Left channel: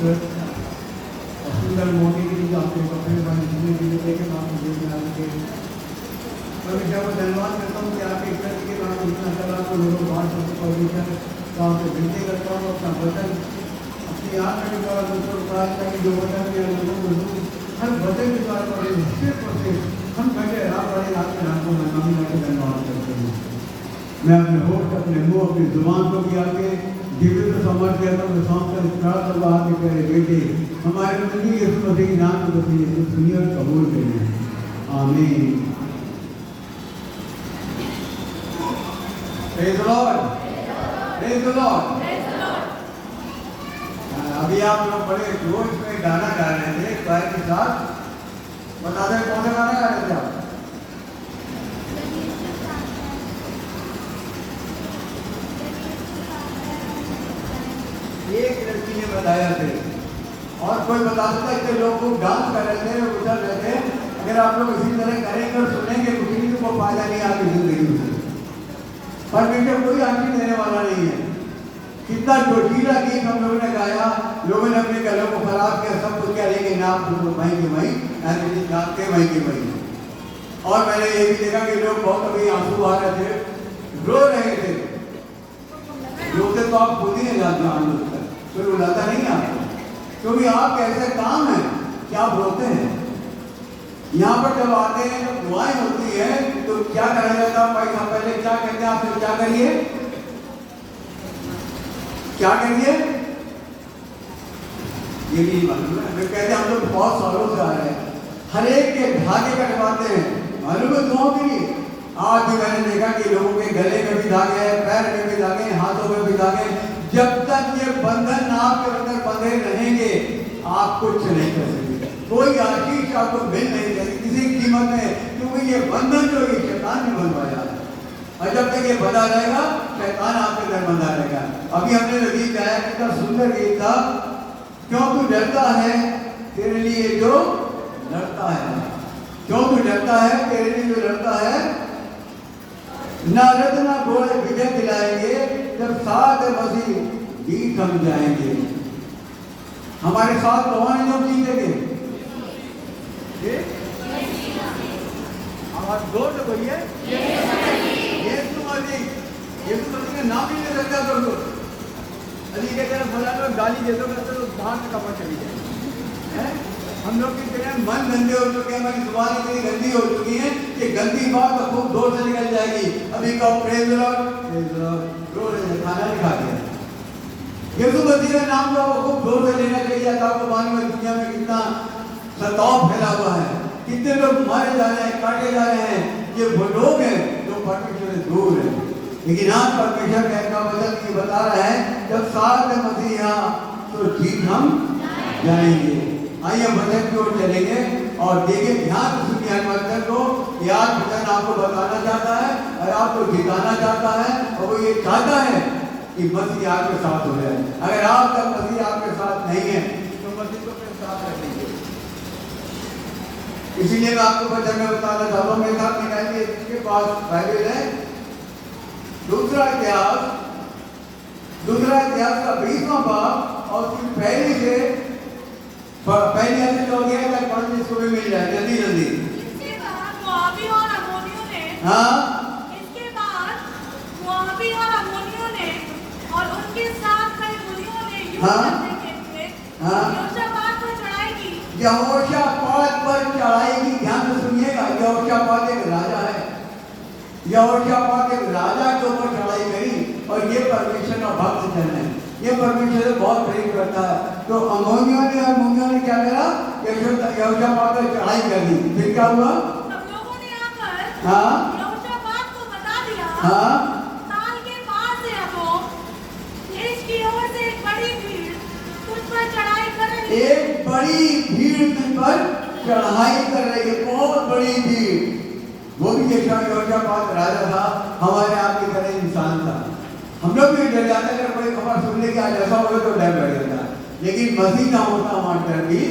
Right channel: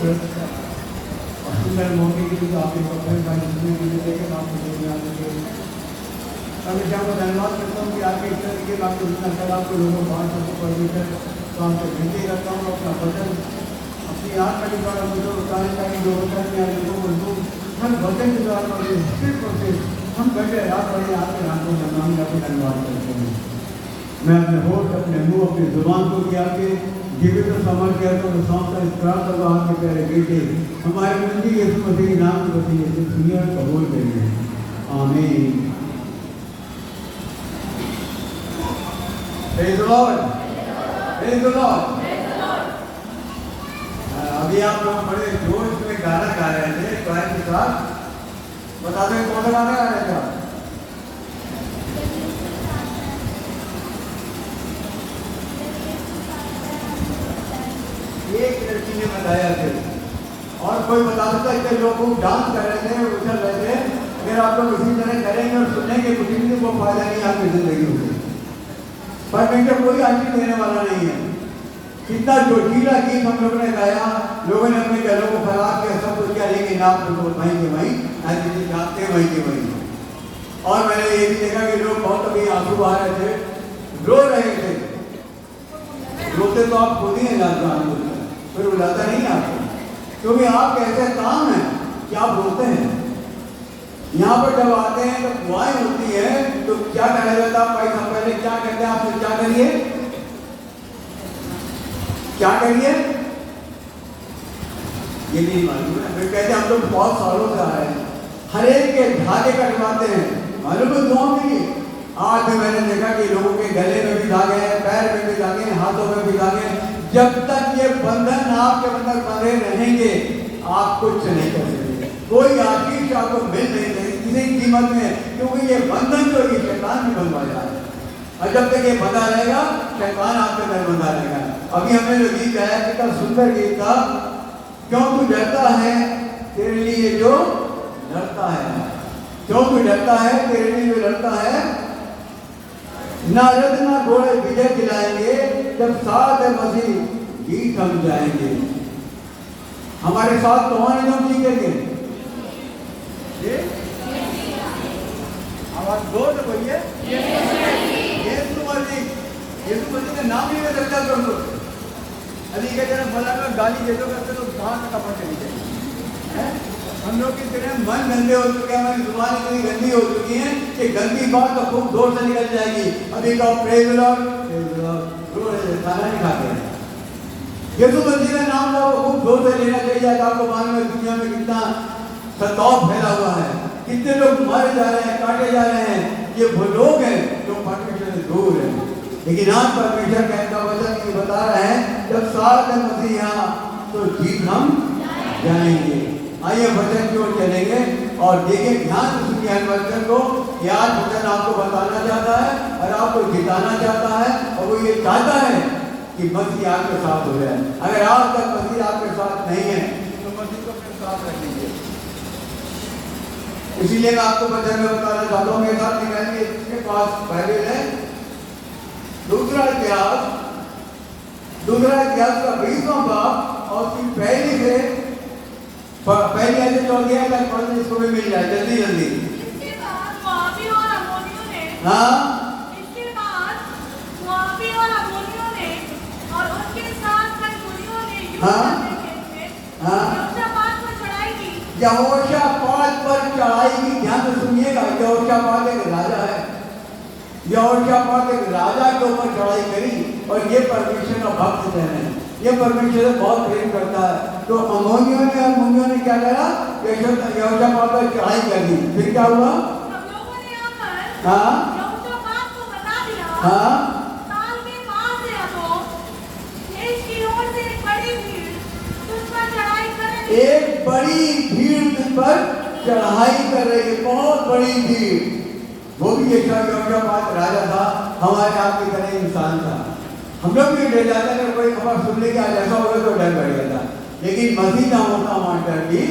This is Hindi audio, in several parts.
खूबसूरत सुंदर मौके के लिए आपके वक्त का सुनने के लिए लेकर आप मुझे जाने के हमेशा को धन्यवाद करता हूँ कि आपके इस तरीके के आपको जितना चला आपको लोगों बाहर सबको परमिशन तो आपसे विनती करता हूँ अपना वचन अपनी आँख का द्वारा मुझे बताया ताकि जो वचन या लोगों को लोग हर वचन के द्वारा सिर्फ और सिर्फ हम घंटे रात वाले आपके रातों में नामी आपके धन्यवाद करते हैं। मैं अपने होठ अपने मुँह अपनी जुबान को भी आपके जीवित समझ गया तो मैं सौंपकर इस प्रार्थना को आपके प्यारे बेटे हमारे मंदिर यीशु मसीह के नाम को बच्चे दुनिया में कबूल करेंगे। आमीन। Praise the Lord. Praise the Lord. अभी आप लोग बड़े जोश में गाना गा रहे थे क्वायर के साथ, बता दें कौन सा गाना गा रहे थे आप? एक लड़की ने बताया थे और कोई बता सकता है कि लोग डांस कर रहे थे उछल रहे थे। अगर आप लोग इसी तरह करेंगे और सुनेंगे कुछ भी को फायदा नहीं आपकी जिंदगी में, परमेश्वर कोई आशीष देने वाला नहीं है। कितना जोशीला गीत हम लोगों ने गाया, लोगों ने अपने गलों को खराब किया, सब कुछ करेंगे नाम तो मई के मई ऐसे गाते मई के मई। और मैंने ये भी देखा कि लोग बहुत अभी आंसू आ रहे थे, रो रहे थे। रोते तो आप खुद ही नहीं जाते, फिर बुलाता नहीं आपको, क्योंकि आप कैसे काम है कि आप रोते हैं। यहाँ पर जब आते हैं जब दुआएं होती है तो क्या कहा जाता है? भाई साहब पहले क्या कहते हैं? आप क्या करिए, क्या करिए, ये भी मालूम है। फिर कहते हम लोग बहुत सालों से आ रहे हैं, हर एक के धागे कटवाते हैं, मालूम है दुआओं के लिए। आज भी मैंने देखा कि लोगों के गले में भी धागे हैं, पैर में भी धागे हैं, हाथों में भी धागे हैं। जब तक ये बंधन आपके अंदर बंधे रहेंगे आप कुछ नहीं कर सकते, कोई आशीष आपको मिल नहीं सकती किसी कीमत में, क्योंकि ये बंधन जो ये शैतान भी बनवा जा रहा है। और जब तक ये बंधा रहेगा शैतान आपके अंदर बंधा रहेगा। अभी हमने जो गीत गाया कितना सुंदर गीत था, क्यों तू डरता है तेरे लिए जो लड़ता है, क्यों तू डरता है तेरे लिए जो लड़ता है। ना रथ ना घोड़े विजय दिलाएंगे, जब साथ मसीह गीत हम जाएंगे। हमारे साथ कौन हम जीतेंगे? आवाज जोर से बोलिए, यीशु मसीह का नाम ही ले सकता कर दो। अली कहते हैं फला को गाली दे दो करते तो बाहर से कपड़ चली जाएगी। हम लोग की तरह मन गंदे हो चुके हैं, हमारी जुबान इतनी गंदी हो चुकी है कि गंदी बात तो खूब जोर से निकल जाएगी। अभी कहो प्रेज द लॉर्ड, खाना नहीं खाते। यीशु मसीह का नाम तो खूब जोर से लेना चाहिए। आपको मालूम है दुनिया में कितना सताव फैला हुआ है, कितने लोग मारे जा रहे हैं, काटे जा रहे हैं। ये वो लोग हैं जो परमेश्वर से दूर है, लेकिन आप परमेश्वर का वचन ये बता रहे हैं जब साथ में मसीह यहाँ तो जीत हम जाएंगे। आइए वचन की ओर चलेंगे और देखिए ध्यान से सुनिए वचन को। आज वचन आपको बताना चाहता है और आपको जिताना चाहता है, और वो ये चाहता है कि मसीह आपके साथ हो जाए। अगर आज तक मसीह आपके साथ नहीं है तो मसीह को अपने साथ रख लीजिए। इसीलिए मैं आपको वचन में बताना चाहता हूँ। मेरे साथ निकालिए, इसके पास बाइबल है, दूसरा इतिहास का 20वां बाब और उसकी पहली ऐसे चल गया है पढ़ने इसको भी मिल जाए जल्दी जल्दी। इसके बाद मोआबी और अम्मोनियों ने, इसके बाद मोआबी और अम्मोनियों ने और उनके साथ में कुलियों ने युद्ध करने के लिए यहोशापात पर चढ़ाई की। यहोशापात पर चढ़ाई की, ध्यान से सुनिएगा। यहोशापात एक राजा है, यहोशापात एक राजा के ऊपर चढ़ाई करी और ये परमेश्वर का भक्त है, ये परमेश्वर से बहुत प्रेम करता है। तो अम्मोनियों ने क्या करा? यहोशापात पर चढ़ाई कर दी। फिर क्या हुआ? सब लोगों ने आकर यहोशापात को बता दिया, साल के बाद से अब देश की ओर से एक बड़ी भीड़ तुझ पर चढ़ाई कर रही है। एक बड़ी भीड़ तुझ पर चढ़ाई कर रही है, बहुत बड़ी भीड़। वो भी यहोशापात राजा था, हमारे आपकी तरह इंसान था। हम लोग भी डर जाते अगर कोई खबर सुन ले कि आज ऐसा होगा तो डर बैठ जाता, लेकिन मसीह ना होता वहां डर भी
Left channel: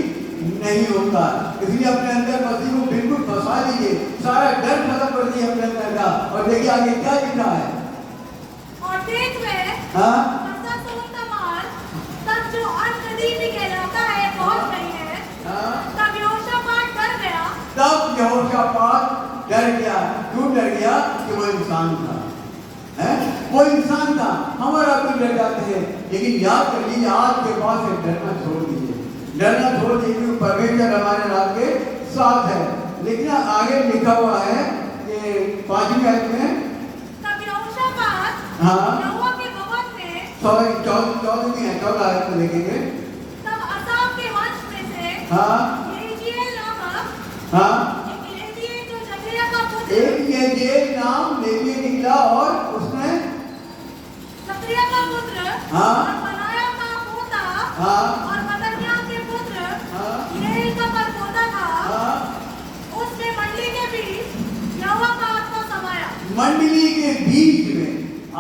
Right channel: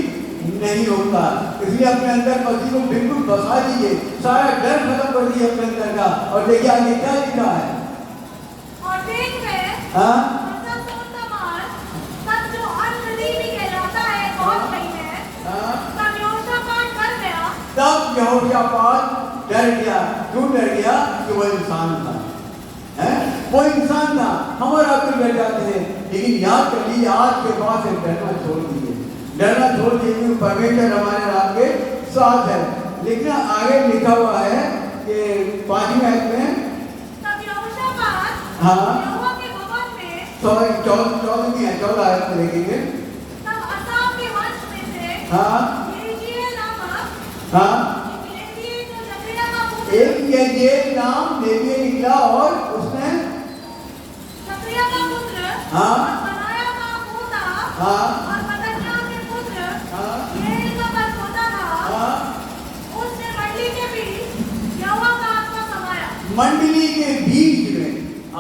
नहीं होता। इसलिए अपने अंदर मसीह को बिल्कुल फंसा दीजिए, सारा डर खत्म कर दीजिए अपने अंदर का, और देखिए आगे क्या लिखा है। और देख में हाँ सब जो अन्न नदी भी कहलाता क्यों डर गया? कि वो इंसान था, है वो इंसान था। हम और आप डर जाते हैं, लेकिन याद कर लीजिए आज के बाद से डरना छोड़ दीजिए, डरना छोड़ दीजिए। परमेश्वर हमारे आपके साथ है। लेकिन आगे लिखा हुआ है कि 5वीं आयत में, तब यहोशापात हाँ यहोवा के भवन में, 14 आयत में देखेंगे। तब असाफ के वंश में से हाँ यहीजेल नामक हाँ एक लेवीय जो जकरिया का पुत्र, एक यजेल नाम लेवी निकला और उसने जकरिया का पुत्र हाँ और बनाया का पोता हाँ और मत्तन्याह के पुत्र हाँ यहील का परपोता था। हाँ उसने मंडली के बीच यहोवा का आत्मा समाया। मंडली के बीच में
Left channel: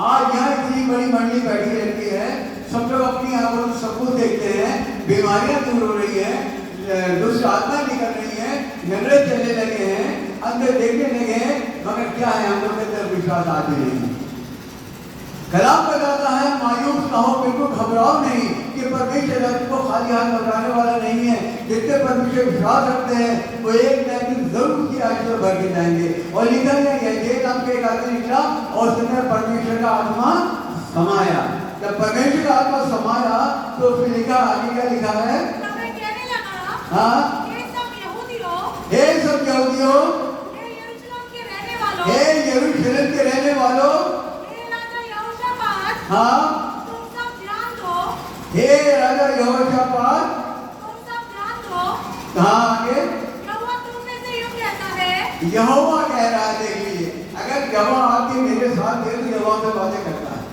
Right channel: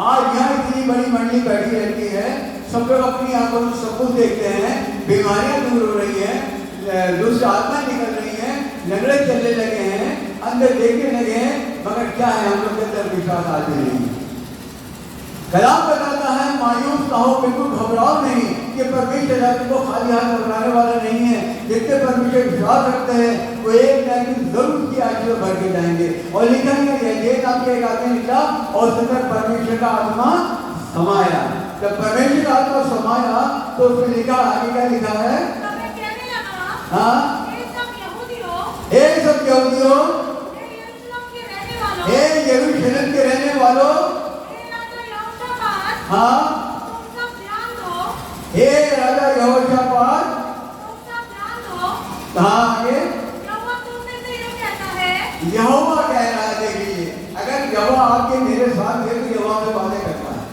आज यहाँ इतनी बड़ी मंडली बैठी रहती है, सब लोग अपनी आंखों से सबूत देखते हैं, बीमारियां दूर हो रही है, दुष्ट आत्मा निकल रही है, झगड़े चलने लगे हैं, अंदर देखने लगे हैं, मगर क्या है हम लोग के अंदर विश्वास आते नहीं। कलाम बताता है मायूस ना हो, बिल्कुल घबराओ नहीं कि परमेश्वर आपको खाली हाथ घबराने वाला नहीं है। जितने परमेश्वर विश्वास रखते हैं वो एक दिन जरूर की आशीष भर के जाएंगे। और लिखा है ये आपके एक आदमी निकला और उसने परमेश्वर का आत्मा समाया। जब परमेश्वर का आत्मा समाया तो उसने लिखा, आगे क्या लिखा है? तब मैं कहने लगा, हाँ हे सब यहूदियों, हे सब यहूदियों, हे यरूशलेम के रहने वालों, हे यरूशलेम के रहने वालों, हे राजा यहोशापात, हाँ तुम सब ध्यान दो, हे राजा यहोशापात, तुम सब ध्यान दो। हाँ आगे यहोवा तुमने से यूं कहता है, यहोवा कह रहा है। देखिए अगर यहोवा आपके मेरे साथ है तो यहोवा से बातें करता है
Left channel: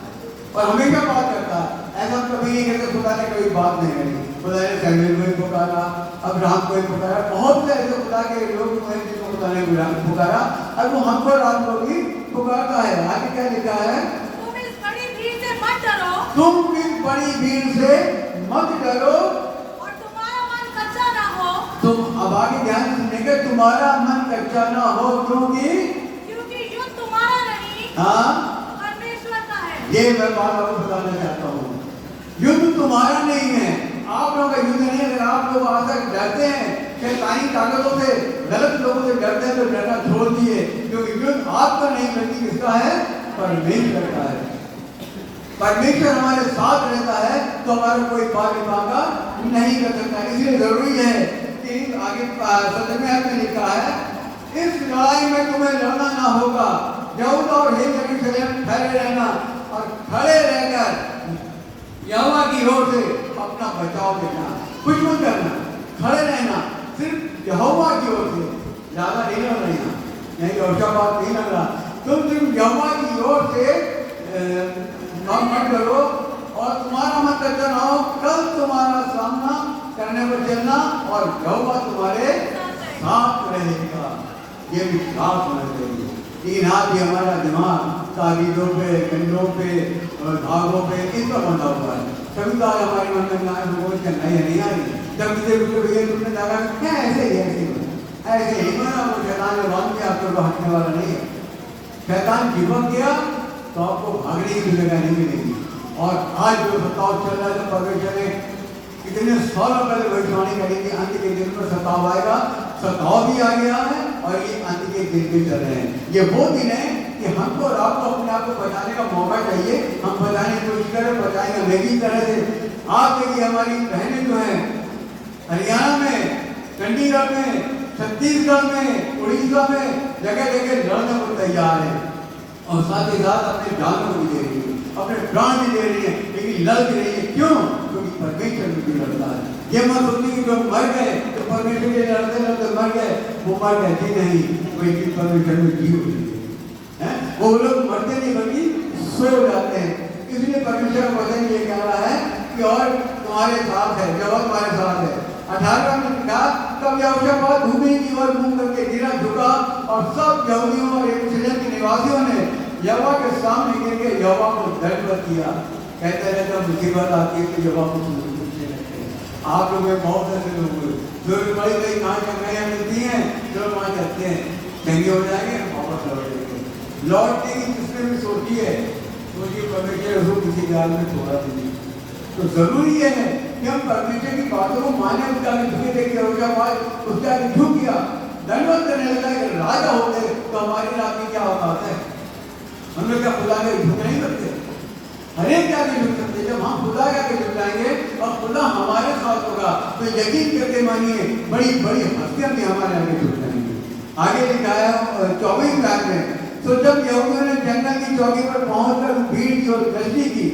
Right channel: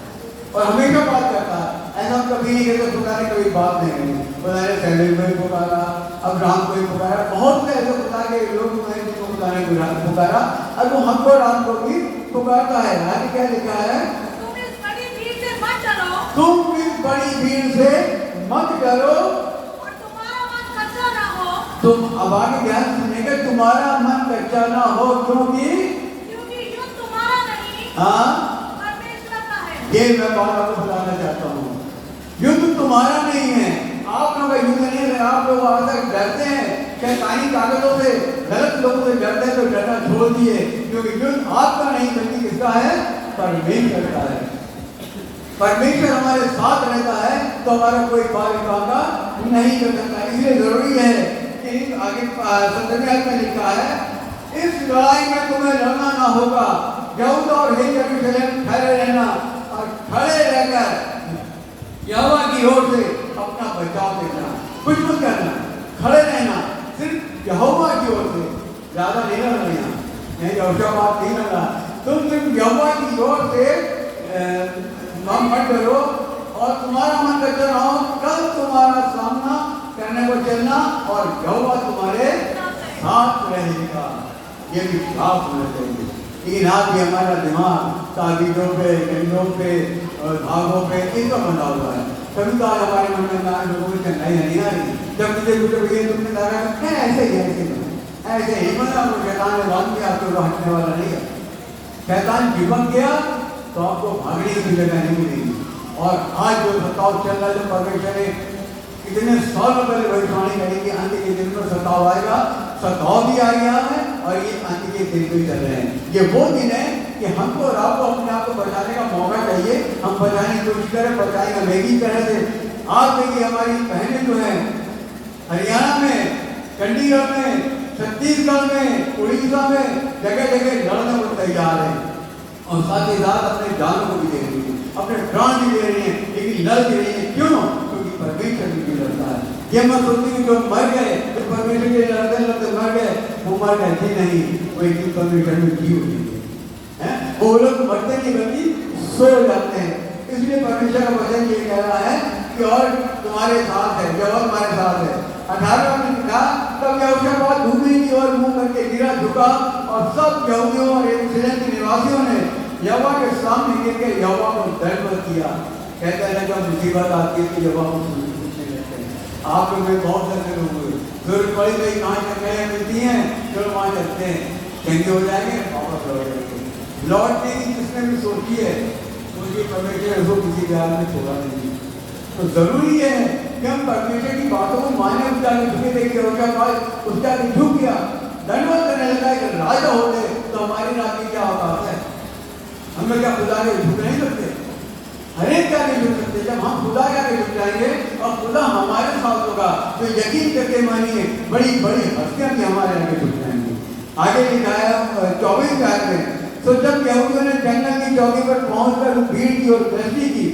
और हमेशा बात करता है। ऐसा कभी नहीं कहते खुदा ने कोई बात नहीं करी, खुदा ने सैमुएल को ही पुकारा, अब्राहम को ही पुकारा, बहुत से ऐसे खुदा के लोग हैं जिनको खुदा ने पुकारा और वो हमको राम को भी पुकारता है। आगे क्या लिखा है? तुम इस बड़ी भीड़ से मत डरो तुम इस बड़ी भीड़ से मत डरो और तुम्हारा मन कच्चा ना हो, तुम। अब आगे ध्यान सुनेंगे, तुम्हारा मन कच्चा ना हो क्योंकि युद्ध तुम्हारा नहीं, हाँ परमेश्वर का है। ये मैं बात आपको बताना चाहता हूँ, युद्ध तुम्हारा नहीं है, आप लोगों का युद्ध नहीं है। आप लोग वहां तक डरते हैं शैतानी ताकतों से, गलत लोगों से डरते हैं तो डरना छोड़ दिए, क्योंकि युद्ध आपका नहीं बल्कि किसका है? परमेश्वर का है। परमेश्वर हमारे साथ रहता है तो हमारा कोई पार भागा नहीं कर सकता। इसलिए जरूरी है कि आगे 17वें आयत में लिखा है, इस लड़ाई में तुम्हें लड़ना ना होगा, यहूदा और हे यरूशलेम ठहरे रहना और खड़े रहकर यहोवा की ओर से अपना बचाव देना, कुछ मत करना, खड़े रहना सिर्फ यहोवा की ओर से, ज्यादा नहीं रहना। नहीं यहोशापात नहीं लग रहा, तुम सिर्फ यहोवा की ओर से काम मत करो और तुम्हारा मन कच्चा ना हो, कल तुम्हारा सामना करने को चलना और यहोवा तुम्हारे साथ रहेगा। ये विश्वास होना चाहिए। तीन हाथ ही हमारा दिमाग ताबीजों पे, कंडों पे और भागों पे इनका बना हुआ है। कभी तो आज हमारे मन में ना लोगों से नहीं आ रही, जब मुझे भैया तुमने कहा क्या ऐसे ही ऐसे ही बना, वो शैतान ने बांध दिया, आपको हटने वाला नहीं है। शैतान चिपक गया तो आपको भागने की जगह नहीं मिलेगी। और आज जो सताव चल रहा है, परमेश्वर ने कितने 100 पहले भविष्यवाणी करी कि अंत के दिन में सताव आएगा, सताव भी आ गया है और ये अंत के दिन भी चल रहे हैं। ये वो दिन है कि हमको और आपको अपने आप को बचाने का मौका चाहिए, हम बचाने की कोशिश करें, बचाएंगे मेरी तरह से। आप देखिए हमारी बहनें जो हैं हरियाणा में, चंडीगढ़ में, छत्तीसगढ़ में, उड़ीसा में जगह जगह लड़ने को तैयार है और साथ ही साथ अपने जान को भी दे रही है, अपने प्राण भी दे रही है, लेकिन लड़ भी रही है। क्यों? क्योंकि परमेश्वर भी लड़ता है। ये मत सोचिए कि जो मर गए तो परमेश्वर के लड़ते लड़ते मर गए, वो मर गए ही नहीं, वही परमेश्वर में जी हुई है। वो लोग मरते नहीं बल्कि सो जाते हैं। इसलिए परमेश्वर का वचन ये कह रहा है कि और तुम्हारे साथ है, जो और तुम्हारे साथ है। 18 में लिखा, तब यहोशापात भूमि की ओर मुंह करके गिरा, झुका और सब यहूदियों और यरूशलेम के निवासियों ने यहोवा के सामने गिर के यहोवा को दंडवत किया। कहते हैं जब मुसीबत आती है तो यहोवा को पूछने लगते हैं। आप लोग में बहुत सारे लोग हुए जो बड़ी बड़ी कहाँ चंगाइयाँ मिलती हैं, जो वहाँ चलते हैं, चंगे हो जाएंगे, वापस लौट जाएंगे। लौटने की जिसने भी सोची है, सोचिए परमेश्वर उसको किसी गाल में छोड़ा दीजिए। तो जरूरी है कि हम परमेश्वर की बातों को माने। उसका झुके देखिए, उसका झुक गया, दंडवत करने लगा, राजा हो गए, तो हमारी रात तो यकीन करके मानिए बड़ी बड़ी हस्तियां भी हमारे आगे जुट जाएंगी। आगे लिखा है 24 में, तो जब यहूदियों ने जंगल की चौकी पर पहुंचकर भीड़ की और दृष्टि की,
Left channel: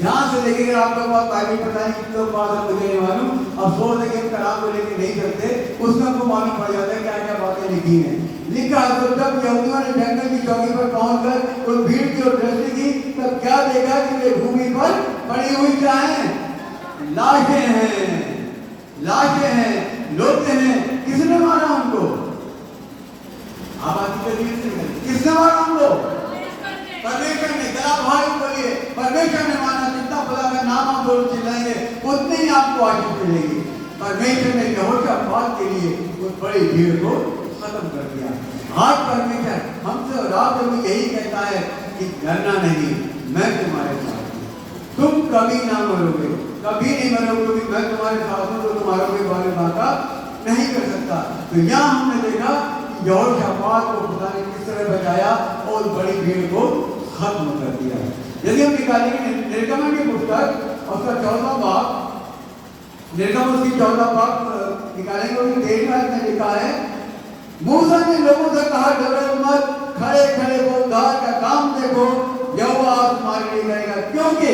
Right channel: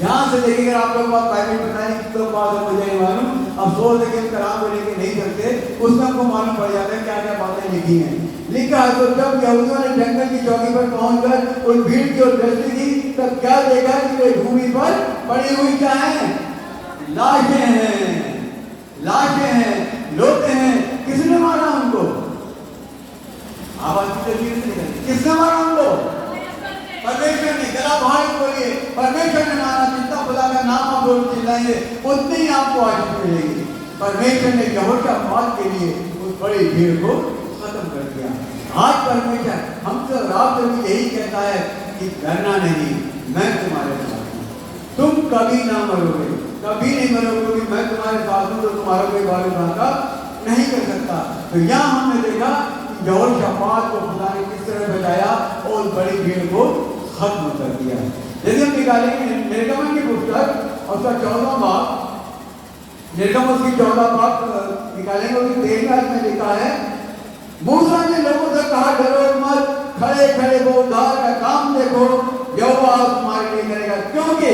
ध्यान से देखिएगा, आप लोग बात प्राइवेट बताएं तो बात मुझे नहीं मालूम, अफसोस है कि कलाम को लेके नहीं करते, उसमें आपको मालूम पड़ जाता है क्या क्या बातें लिखी हैं। लिखा है, तो जब यहूदियों ने जंगल की चौकी पर पहुंचकर उस भीड़ की ओर दृष्टि की, तब क्या देखा कि वे भूमि पर पड़ी हुई क्या है? लाशें हैं, लाशें हैं, लोटे हैं। किसने मारा उनको? आवाज की तस्वीर नहीं करती, किसने मारा उनको? परमेश्वर ने। जरा भाई बोलिए, परमेश्वर ने मारा। जितना खुदा का नाम आप बोल चिल्लाएंगे उतनी ही आपको आशीष मिलेगी। परमेश्वर ने यहोशापात के लिए उस बड़ी भीड़ को खत्म कर दिया। आज परमेश्वर हमसे और आपसे भी यही कहता है कि डरना नहीं, मैं तुम्हारे साथ हूं, तुम कभी ना मरोगे, कभी नहीं मरोगे, मैं तुम्हारे साथ हूं, तो तुम्हारा कोई बाल नाता नहीं कर सकता। तो यहाँ हमने देखा यहोशापात को खुदा ने किस तरह बचाया और बड़ी भीड़ को खत्म कर दिया। यदि हम निकालेंगे निर्गमन की पुस्तक उसका 14वां बाब, निर्गमन उसकी 14वां बाब निकालेंगे, उसकी 13वां में लिखा है, मूसा ने लोगों से कहा, डरो मत, खड़े खड़े वो उद्धार का काम देखो, यहोवा तुम्हारे लिए करेगा, क्योंकि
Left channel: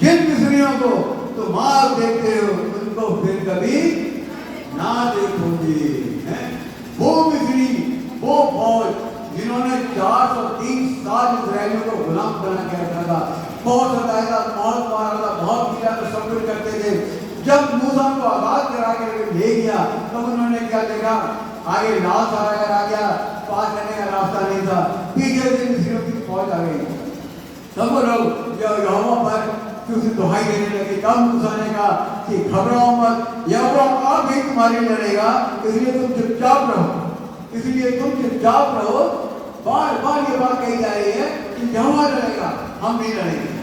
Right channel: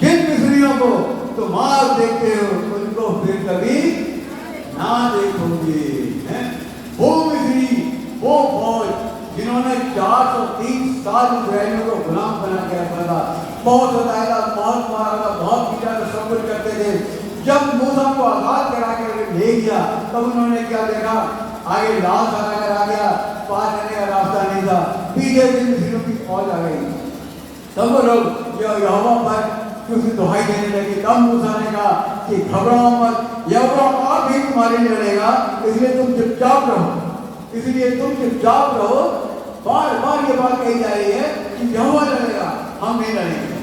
जिन मिस्रियों को तुम आज देखते हो उनको फिर कभी ना देखोगे। वो मिस्री, वो फौज जिन्होंने 403 साल इस्राएलियों को गुलाम बना के रखा था, बहुत सताया, बहुत मारा था, बहुत ज्यादा सब्र करते थे। जब मूसा को आजाद करा के ले गया तब उन्होंने क्या देखा? आगे लाल सहारा आ गया, पार करने का रास्ता नहीं था, पीछे से मिस्रियों की फौज आ गई। तब वो लोग यहोवा पर क्योंकि दुहाई देने लगे। तब मूसा ने कहा कि घबराओ मत, यहोवा आप भी तुम्हारे लिए लड़ेगा, इसलिए तुम चुपचाप रहो, इसलिए तुम चुपचाप रहो। बार बार ये बात कही जा रही है कि यहोवा लड़ेगा, हम नहीं लड़ेंगे,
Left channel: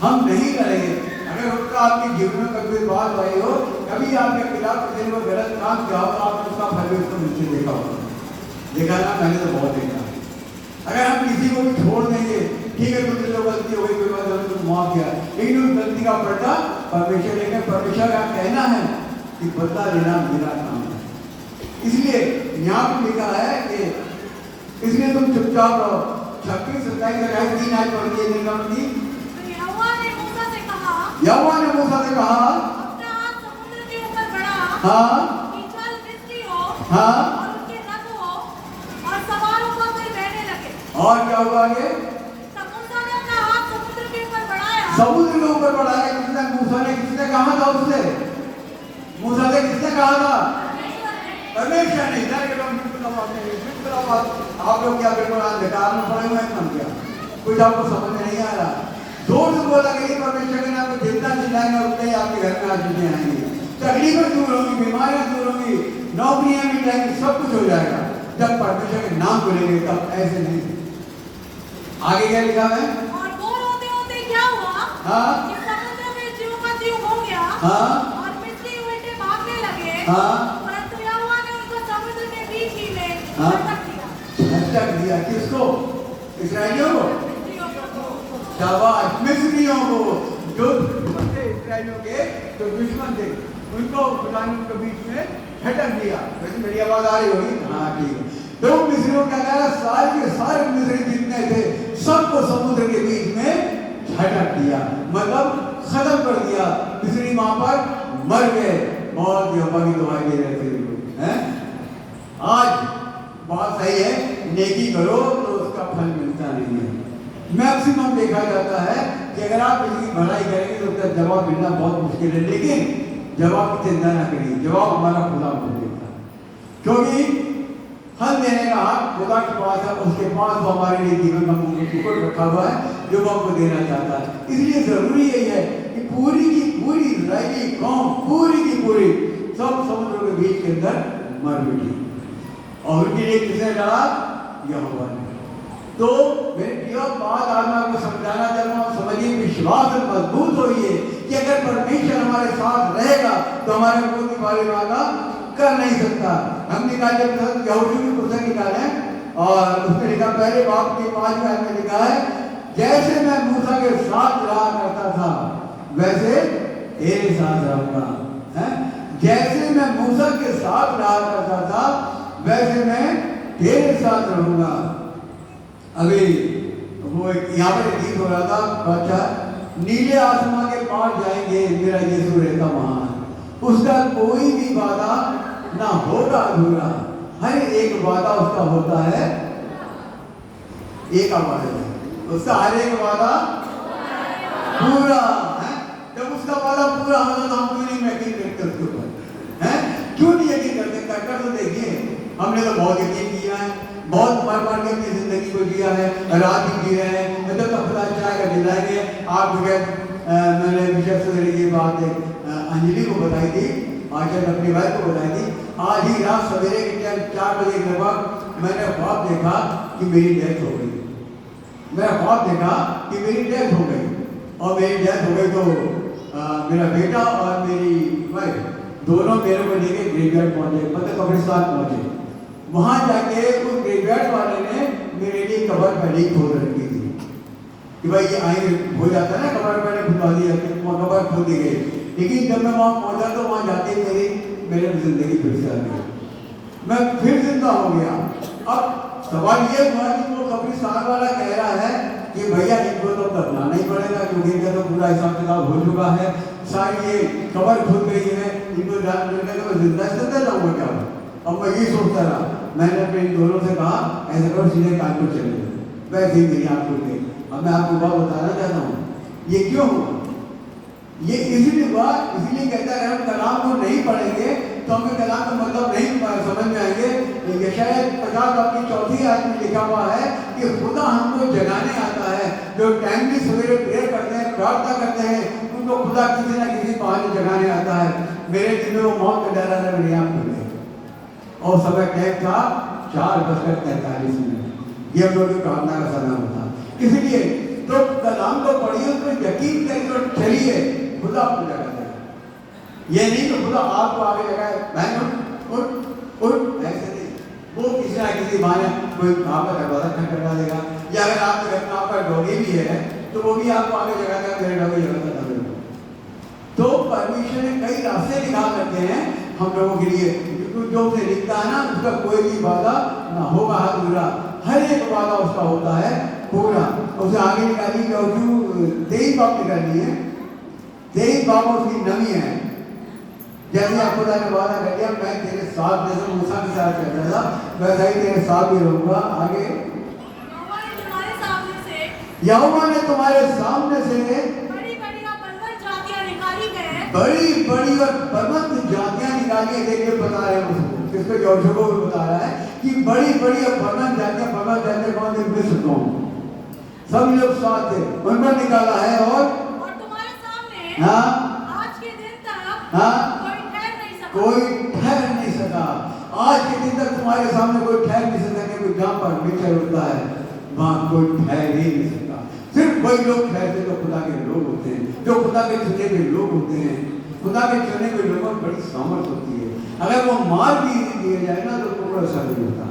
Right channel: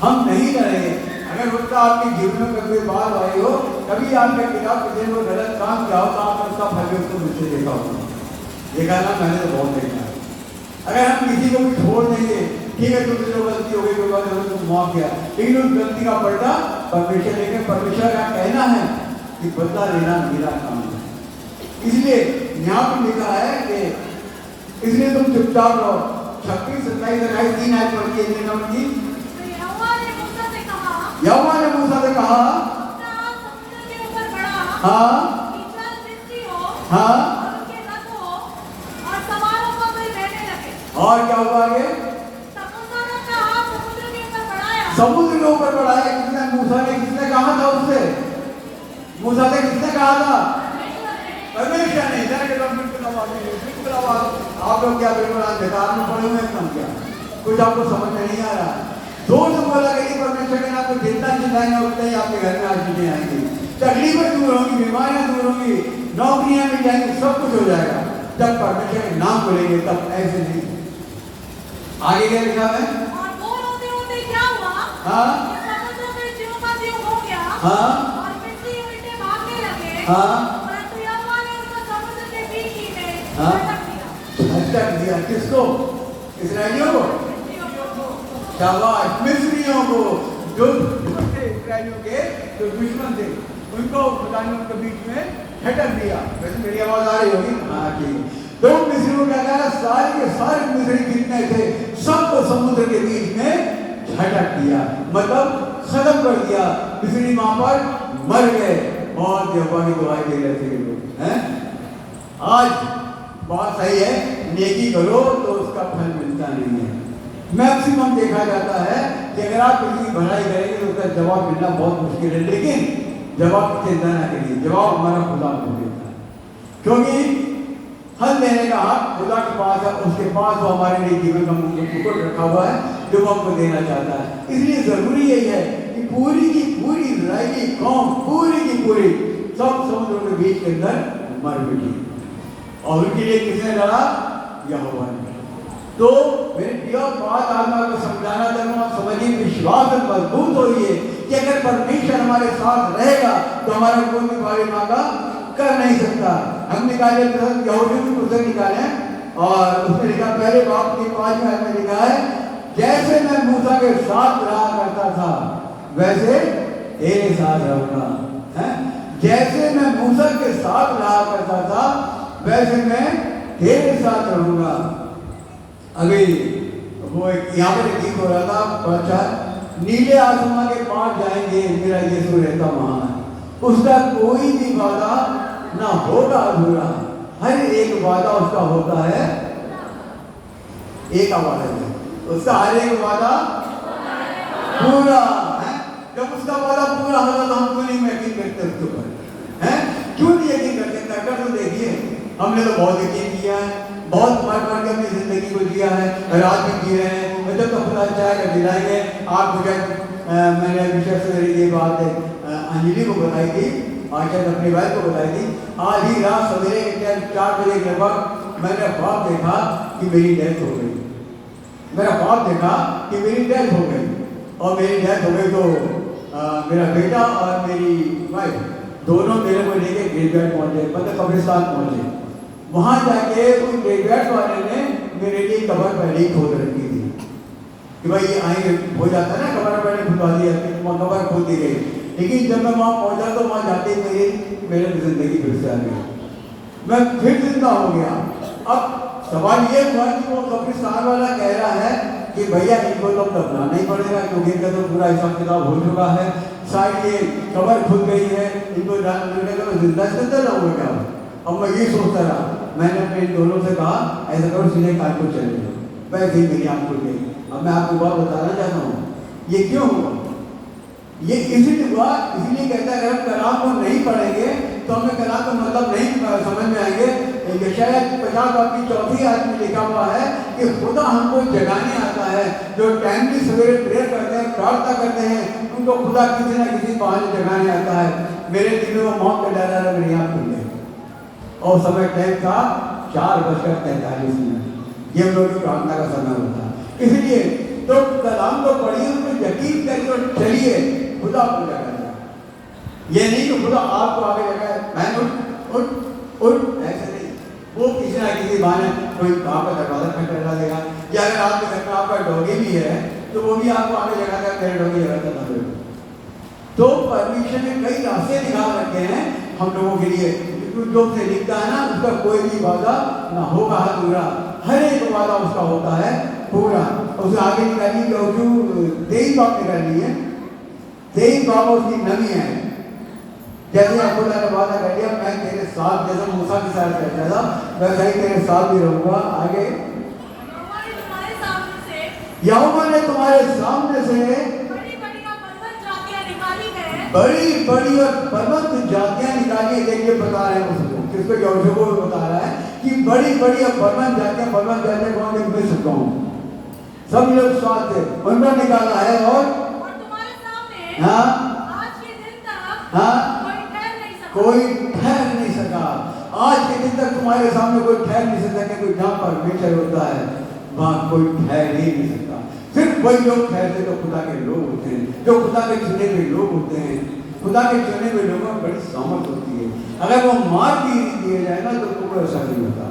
हम नहीं लड़ेंगे। अगर उसका आपके जीवन में कभी बात रही हो, कभी आपके खिलाफ किसी ने गलत काम किया हो, तो आपने उसका फल उसको नीचे देखा होगा, देखा ना? मैंने तो बहुत देखा। अगर हम किसी को भी छोड़ देंगे, ठीक है तुमसे जो गलती हो गई कोई बात नहीं, तुम माफ किया, लेकिन उस गलती का पलटा परमेश्वर लेकर, परमेश्वर का कहना है कि बदला लेना मेरा काम है। इसलिए यहाँ पर लिखा है कि इसलिए तुम चुपचाप रहो। 26, 27, 28, 3 आयत पढ़ती है निर्गमन की। यहोवा ने मूसा से कहा, यहोवा ने मूसा से कहा, अपना हाथ समुद्र के ऊपर बढ़ा, हाँ, बीचल मिस्री हो, हाँ, और उनके रथ हो, और सवारों को वे बहने लगे। और क्या हुआ? ये समुद्र ने अपना हाथ समुद्र के ऊपर बढ़ाया, समुद्र के ऊपर बढ़ाया। किसने? मूसा ने। किसने कहा था उससे? मूसा ने किसने कहा था? परमेश्वर ने। इधर के लोग बिल्कुल आवाज नहीं, बिल्कुल आवाज। आप लोग क्या बिल्कुल अंधकार में पड़े हुए हैं? क्या कुछ आपको समझ में नहीं आ रहा? जोर से बोला कि परमेश्वर ने आपको जितना चिल्लाएंगे उतने ही आपके घर में आशीषें आएंगी, तकलीफें दूर होंगी, बीमारियां दूर होंगी, नौकरियां मिल जाएंगी, सब कुछ हो जाएगा जब परमेश्वर के नाम को लेंगे। तब ऐसे नहीं। आगे क्या लिखा है? और वो रोते रोते क्या हुआ? हाँ, कि समुद्र में ज्यों का त्यों हो गया, हाँ, और मिस्री बेटे भागने लगे, हाँ, परंतु यहोवा ने उनको समुद्र के बीच ही में हाँ, झटक दिया। झटक दिया। किसको? इस्राएलियों को। शाबाश, मिस्रियों को, जो दुश्मन थे इस्राएलियों के, जो दुश्मन थे उनको खुदा ने उनके बीच में झटक दिया। वैसे मेरी आवाज आ रही होगी? हाँ, ठीक है। तो मिस्रियों का क्या? सारे के सारे मिस्री जितने थे सबको समुद्र के बीच में झटक दिया, मतलब खत्म कर दिया। मिस्री वहां पर मर गए और यहोवा की दुआई दे रहे थे लोग, हैं? आज बात सही है, नेकी करो तो उसका फल मिलता नहीं है। मैक्सिमम देखा जाता है कि अगर आप किसी की भलाई करेंगे तो उसका जवाब मिलना बहुत मुश्किल है, लेकिन जवाब की चिंता ना करिए, जवाब हमारा खुदा को देता है, क्योंकि फल देने का हक खुदा के पास है। उसके पास वो हमारे लिए जीवन का टुकड़ रखा हुआ है जो हमको देना चाहता है। इसलिए जरूरी यही है कि पूरी की पूरी इस्राएली कौम, पूरी की पूरी सब समुद्र के बीच के अंदर मर मिटी, और उनके लिए किसने लड़ा? यहोवा ने। तो मेरे प्रिय बात आज मैं आपको समझाना चाहूँगा, समझिए, विश्वास में मजबूत होइए कि अगर परमेश्वर हमारे साथ रहेगा तो हमारा कोई भी भारी वादा कर नहीं सकता। हम निकाले यहूदी की पुस्तक निकाले और उसमें लिखा, पहले बाप की 5वें आयत में लिखा है, जैसे मैं मूसा के साथ रहा करता था वैसे तेरे साथ रहूंगा। हैं? जैसे मैं मूसा के साथ रहा करता था वैसे मैं तेरे साथ रहूंगा। अभी वो यहाँ पे गीत हो रहा था, बच्चा नीले आसमां के पार जाएंगे मेरा यीशु रहता वहां है, उसका कोई भी वादा ना होगा अधूरा, हर एक वादा उसका होता है एक वादा नहीं, उसका हर एक वादा पूरा है। जब उसका वादा पूरा होगा तो हम क्यों नहीं यकीन करते उसके ऊपर? हैं? क्यों नहीं यकीन करते? कर तो देखिए, हमने तो बहुत यकीन किया है, बहुत मर मर के अपनी जिंदगी को जिया है, रात भी जी रहे हैं, जब तो अपना चाय कर दिलाएंगे। आप बगैर मैंने विशेष ये बात अंजलि को बताई थी, आजकल अपनी वाइफ को बताई थी। आज ही रात सवेरे 4 बजे के लगभग मैंने ख्वाब देखा कि मेरी डेथ हो गई। मेरा ख्वाब देखा कि मेरी डेथ हो गई, और मेरी डेथ हो गई तो मेरा बेटा और मेरी वाइफ दोनों मेरे को लेके ग्रेवयार्ड पहुंचे, मतलब कब्रिस्तान पहुंचे। वहां जाके उस ग्रेवयार्ड वाले ने मेरे लिए कब्र पहले ही खोद रखी थी कि भाई ये आएंगे, हो जाता है ना, कब्र पहले खुदवा दी जाती है, वो कब्र खोद दी गई। लेकिन जब मैं वहां पहुंचा तो वहां जाके मेरे जिंदगी फिर से आ गई, मैं फिर जिंदा हो गया। अब सवाल ये हुआ कि वो कब्रिस्तान वाला कह रहा है कि भैया इनको तो दफनाना ही पड़ेगा क्योंकि इनका तो पूरा हिसाब किताब हो चुका है, सारी ये कब्र खुद गई है, इनको जान मिलने का जिंदा रहूंगा क्या? अब मैं ये सोचता रहा, मैंने अपने इन दोनों से कहा ऐसा करो सीधे कान को चले जाओ, वैसे ही मेरी आँख खुल गई। अब मैं आपको बात बताना चाहता हूँ ये क्यों हुआ। ये इसीलिए हुआ, इसीलिए कहता है अगर हम कलाम को नहीं पढ़ेंगे तो हमें कलाम का मतलब नहीं समझ में आएंगे। यशायाह 50 अपनी 4 आयत में लिखा हुआ है कि खुदा हमको जगाने आता है, जो टाइमली सवेरे प्रेयर करते हैं, प्रार्थना करते हैं, उनको खुदा किसी न किसी बहाने जगाने आता है। मेरे दिल में मौत का डर आ मेरी आँख खुल गई और समय टाइम था 4:43। ये लोग प्रार्थना का समय होता। इसलिए तो कलाम को पढ़िए, उसमें यकीन करिए और चलिए, खुदा आपको जगा देगा। ये नहीं कि खुदा आपको आगे जगह मैं उठ ऐसे नहीं, वो किसी ना किसी बहाने कोई आपका दरवाजा खटखटा देगा, या अगर आपके घर में आपका डॉगी भी है तो वो भी आपको आगे जगह देगा, मेरे डॉगी जगह देगा। तो परमेश्वर ने कई रास्ते निकाल रखे हैं हम लोगों के लिए, जो उसे लिखता है ना उसका कोई भी वादा ना होगा अधूरा, हर एक वादा उसका होता है पूरा। उसे आगे निकाली और जो 23 बाप निकाली है, 23 बाप उसकी नमी है। जैसे आपको ने वादा कर दिया मैं तेरे साथ, जैसे मूसा के साथ कहता था वैसा ही तेरे साथ भी रहूंगा। आगे यहोवा ने तुम्हारे सामने से बड़ी बड़ी और बलवंत जातियां निकाली। देखिए बता रहे हैं उसको, जिसको यहोशू को बता रहा है कि बड़ी बड़ी और बलवंत जातियां कौन है, मैं सुनता हूँ सब लोग साथ थे, उनका निकाला है। और तुम्हारे सामने हाँ आज के दिन तक हाँ कोई ठहर नहीं सका। आज के दिन तक तुम्हारे सामने कोई ठहर नहीं सकता, क्योंकि जहाँ परमेश्वर होता है वहाँ कोई ठहर ही नहीं सकता। सिर्फ वही लोग ठहरते जो खुदा के लोग होते हैं, जो खुदा के चुने हुए लोग होते हैं। खुदा के चुने हुए लोगों में बड़ी सामर्थ होती है, अगर वो मार भी दिए जाए ना तो उनको ऐसा नहीं होता।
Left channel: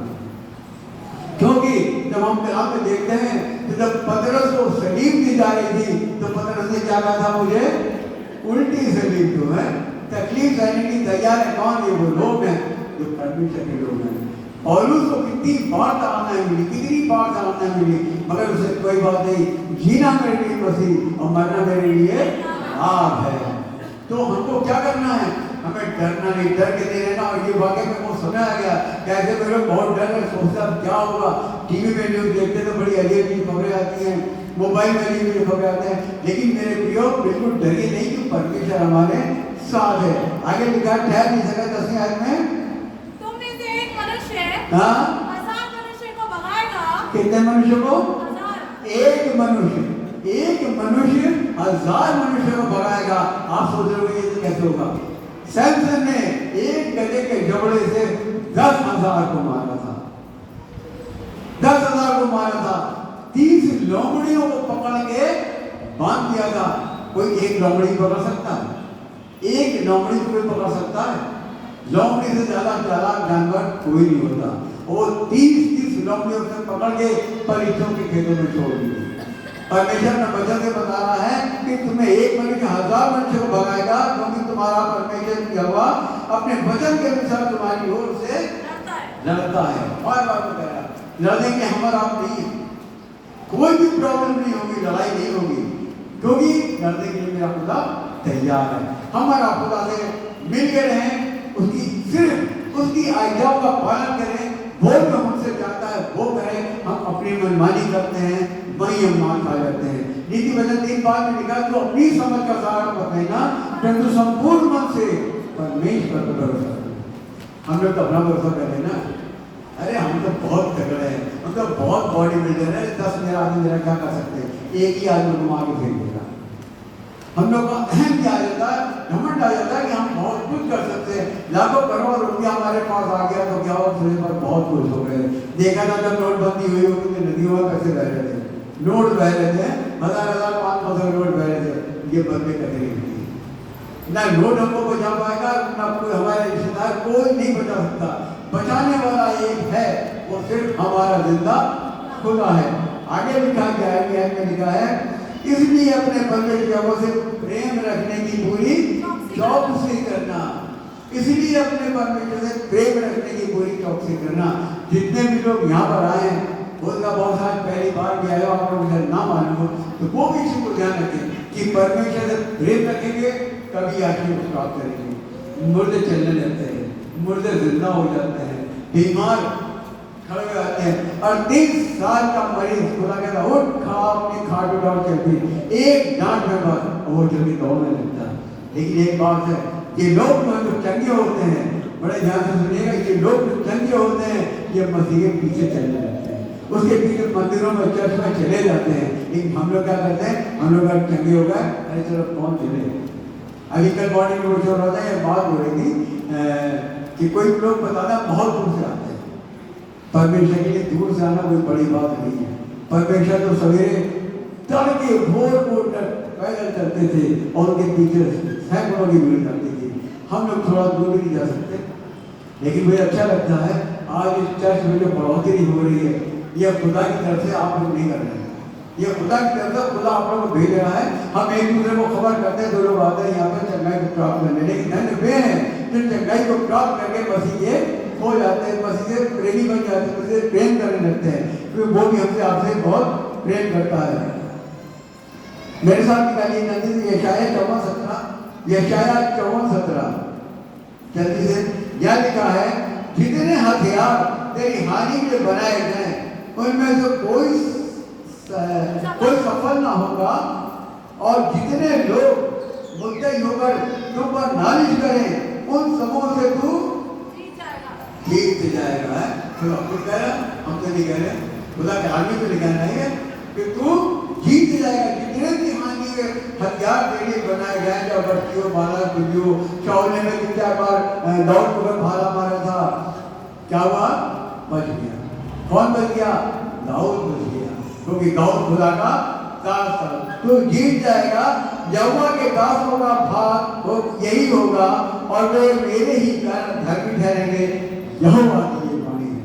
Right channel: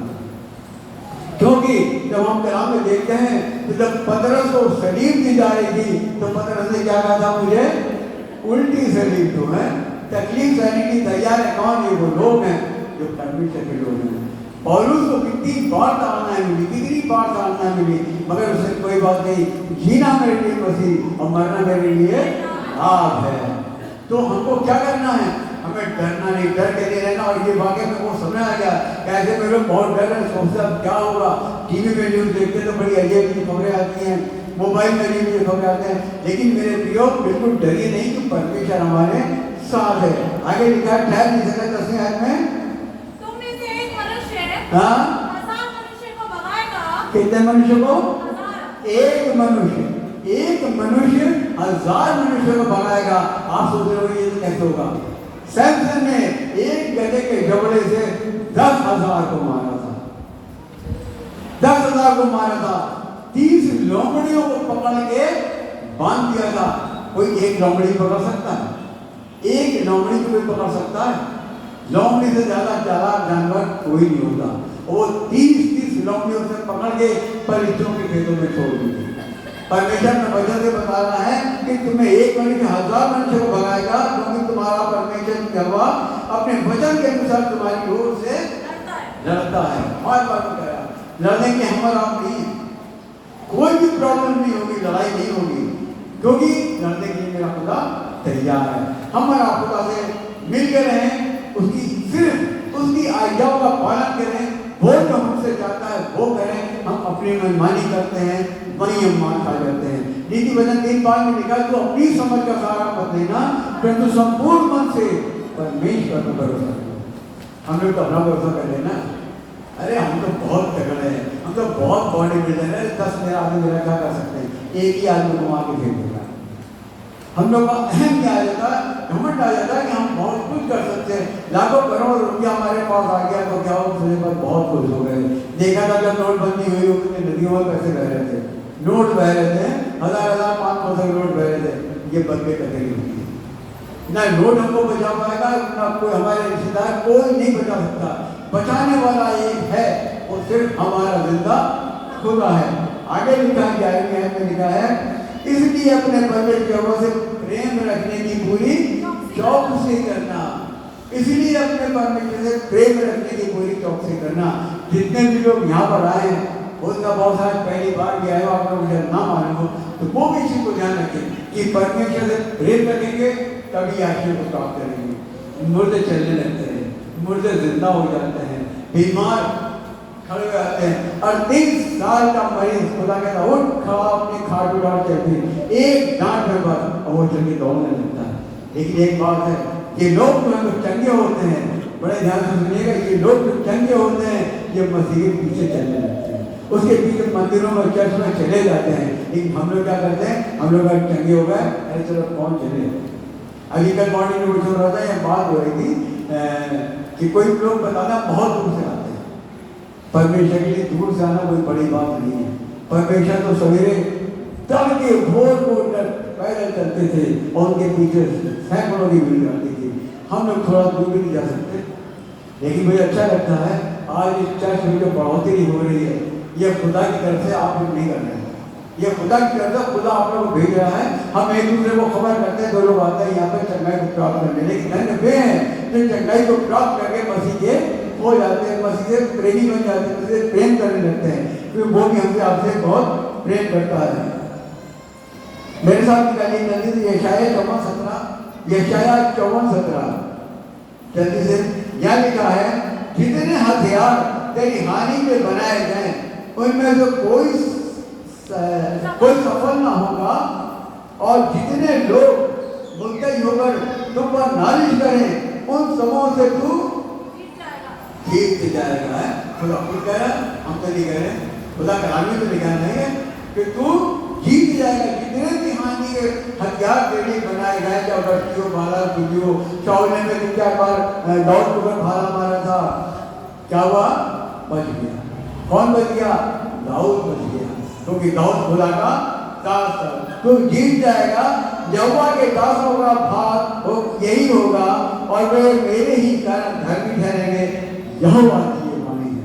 क्योंकि जब हम कलाम में देखते हैं तो जब पतरस को सलीब दी जा रही थी तो पतरस ने क्या कहा था, मुझे उल्टी सलीब दो है, तकलीफ सहने की तैयार है। कौन? ये वो लोग हैं जो परमेश्वर के लोग हैं। पौलुस को कितनी बार ताड़ना मिली, कितनी बार ताड़ना मिली, मगर उससे कोई बात नहीं, जीना मेरे लिए मसीह और मरना मेरे लिए लाभ है। तो हमको क्या करना है, हमें डरना नहीं, डर के नहीं रहना। और ये वाकई में वो समय आ गया, कैसे में लोग बहुत डर रहे, सोचते अब क्या होगा। टीवी पे न्यूज देखते तो बड़ी अजीब खबरें आती हैं, मोबाइल में भी खबरें आते हैं, लेकिन मेरे प्रियो बिल्कुल डरिए नहीं कि परमेश्वर हमारे साथ है। आगे लिखा ठहर नहीं सका 10वीं आयत में, तुम में से एक मनुष्य हाँ 1000 मनुष्य को भगाएगा। कितने मनुष्य को? 1000। एक मनुष्य 1000 मनुष्य को भगाएगा। आप सोच रहे हो ये कैसे होगा? सैमसन ने एक गधे के जबड़े से 10,000 को मारा था, 10,000 को मारा था। 30 लोमड़ियों को पकड़ के बांध दिया था। कोई एक लोमड़ी पकड़ सकता है? एक लोमड़ी को पकड़ सकता है? लोमड़ी से ज्यादा चालाक जानवर कोई नहीं होता। वो 30 लोमड़ियों से पकड़ के परिचयों के खेतों में छोड़ दी। परमेश्वर ने वजह से बता रहा है कि तुम्हें एक मनुष्य 1000 मनुष्य को भगाएगा वचन के अनुसार तुम्हारी ओर से लड़ता है। बार बार वो कह रहा लड़ने के हमारा नहीं है, कोई भी प्रॉब्लम नहीं होगी, लड़ाई नहीं होगी, क्योंकि लड़ने के लिए मेरा खुदा तैयार है। हमारा खुदा से मिलकर रहें, उसकी सिर्फ उसकी आज्ञाओं का पालन करें, वो जो हमसे चाहता है वो करें। हम अपनी मनमानी करते हैं, वही हम मान खा जाते हैं। नीति वचन 3:5 में लिखा तो अपनी समझ का सहारा मत लेना, परंतु संपूर्ण मन से परमेश्वर पर भरोसा करो। हम लोग तो अपना भरोसा कर लेना, अरे हम तो बहुत तगड़े हैं, हम तो बहुत बॉडी बिल्डर है, 10 मेरा आदमी मेरा क्या कर सकते हैं, एक ही आदमी को आगे फेंक देगा। हम लोग का अहम क्या आ जाता है, घमंड आ जाता है कि हम बहुत कुछ कर सकते हैं, लाखों करोड़ रुपया हमारे पास आ गया तो क्या हो, पर बहुत खुश हो गए। देखा था जब नोटबंदी हुई तो नदियों में पैसे बह रहे थे, नोट बह रहे थे, 1000 500 नोट बह रहे थे, ये बंदे टकरी हुई ना। नोट हमको बचा पाएगा ना कोई, हमारे रिश्तेदार कोई नहीं बचा सकता। बचाने वाला एक है, वो सिर्फ हमारा जिंदा खुदा है। आगे लिखा गया है इसलिए अपने परमेश्वर से प्रेम रखने की पूरी चौकसी करना, इसलिए अपने परमेश्वर से प्रेम रखने की पूरी चौकसी करना। जितने भी लोग यहाँ पर आए हैं, उनका बहुत सारा पहली बार भी आया, अगर मुझे ना मालूम हो तो वो भी इसी को ध्यान रखें कि परमेश्वर से प्रेम रखेंगे तभी आशीष को प्राप्त करेंगे। मुर्दे चलने लगते हैं, मुर्दे जिंदा हो जाते हैं, बीमार खड़े हो जाते हैं। और 30 साल का मरीज खुदा कहता उठ खड़ा अपनी खाट उठा चलती, एक डांट में बात वो जल्दी दौड़ने लगता है। लेकिन एक बात है, ये लोग जो चंगे होते हैं, बड़े ध्यान से सुनिएगा, ये लोग जो चंगे होते हैं ये मसीह के पीछे चलने लगते हैं, उसके पीछे मंदिरों में चर्च में चले जाते हैं। लेकिन हम लोग क्या करते हैं, हम लोग चंगे हो गए, अरे चलो कौन चले। अभी कल मॉर्निंग में उठ रहा था, ये बात हो रही थी कि कोई लोग बताना बहुत दूर से आते हैं। परमेश्वर के लिए दूर से आना कोई बड़ी बात नहीं है। परमेश्वर तो सवेरे तड़के भोर को पैदल चलते थे और उनके पीछे सैकड़ों की भीड़ जाती थी। हम लोग थोड़ा दूर भी नहीं जा सकते, लेकिन मुझे अच्छा लगता है आज इस चर्च में जो बढ़ोतरी हो रही है, यह खुदा की तरफ से आप लोग नहीं कर रहे हैं, यह खुदा की तरफ से खुदा आप लोगों को भेज रहा है। हम एक दूसरे को खबर करते हैं, दो लोग आते हैं यहाँ पे चंगाई को प्राप्त करने, लेकिन धन्य वे हैं जो चंगाई को प्राप्त करके मसीह के हो जाते हैं, मसीह से प्रेमी बन जाते हैं, मसीह से प्रेम करने लगते हैं, क्योंकि वो भी हमसे आपसे बहुत प्रेम करता है। मेरे साथ निकालिए जल्दी से यशायाह 54:17 जल्दी से। यह लिखा है जितने हथियार तेरी हानि के बनाए गए उनमें से कोई सफल ना होगा, और जितने लोग मुद्दई होकर तुम पर नालिश करें उन सबों से तू जीत जाएगा। है खुदा खुद कह रहा, हम तो नहीं कह रहे, खुदा का आदमी तो निकाल रहे हैं कि तू जीत जाएगा। जितने भी हानि के हथियार तेरे बनाए गए, क्या बच्चियों भाला बिल्लियों, चौले में 3-4 बार दौड़ कर भाला मारा था, क्या हुआ, बच गया। कौन बच गया, दाऊद बच गया, क्योंकि दाऊद खुदा का दास था। तू जीत जाएगा, यहोवा के दासों का भाग यही होगा और वे मेरे ही कारण धर्मी ठहरेंगे। यहोवा की ये वाणी है।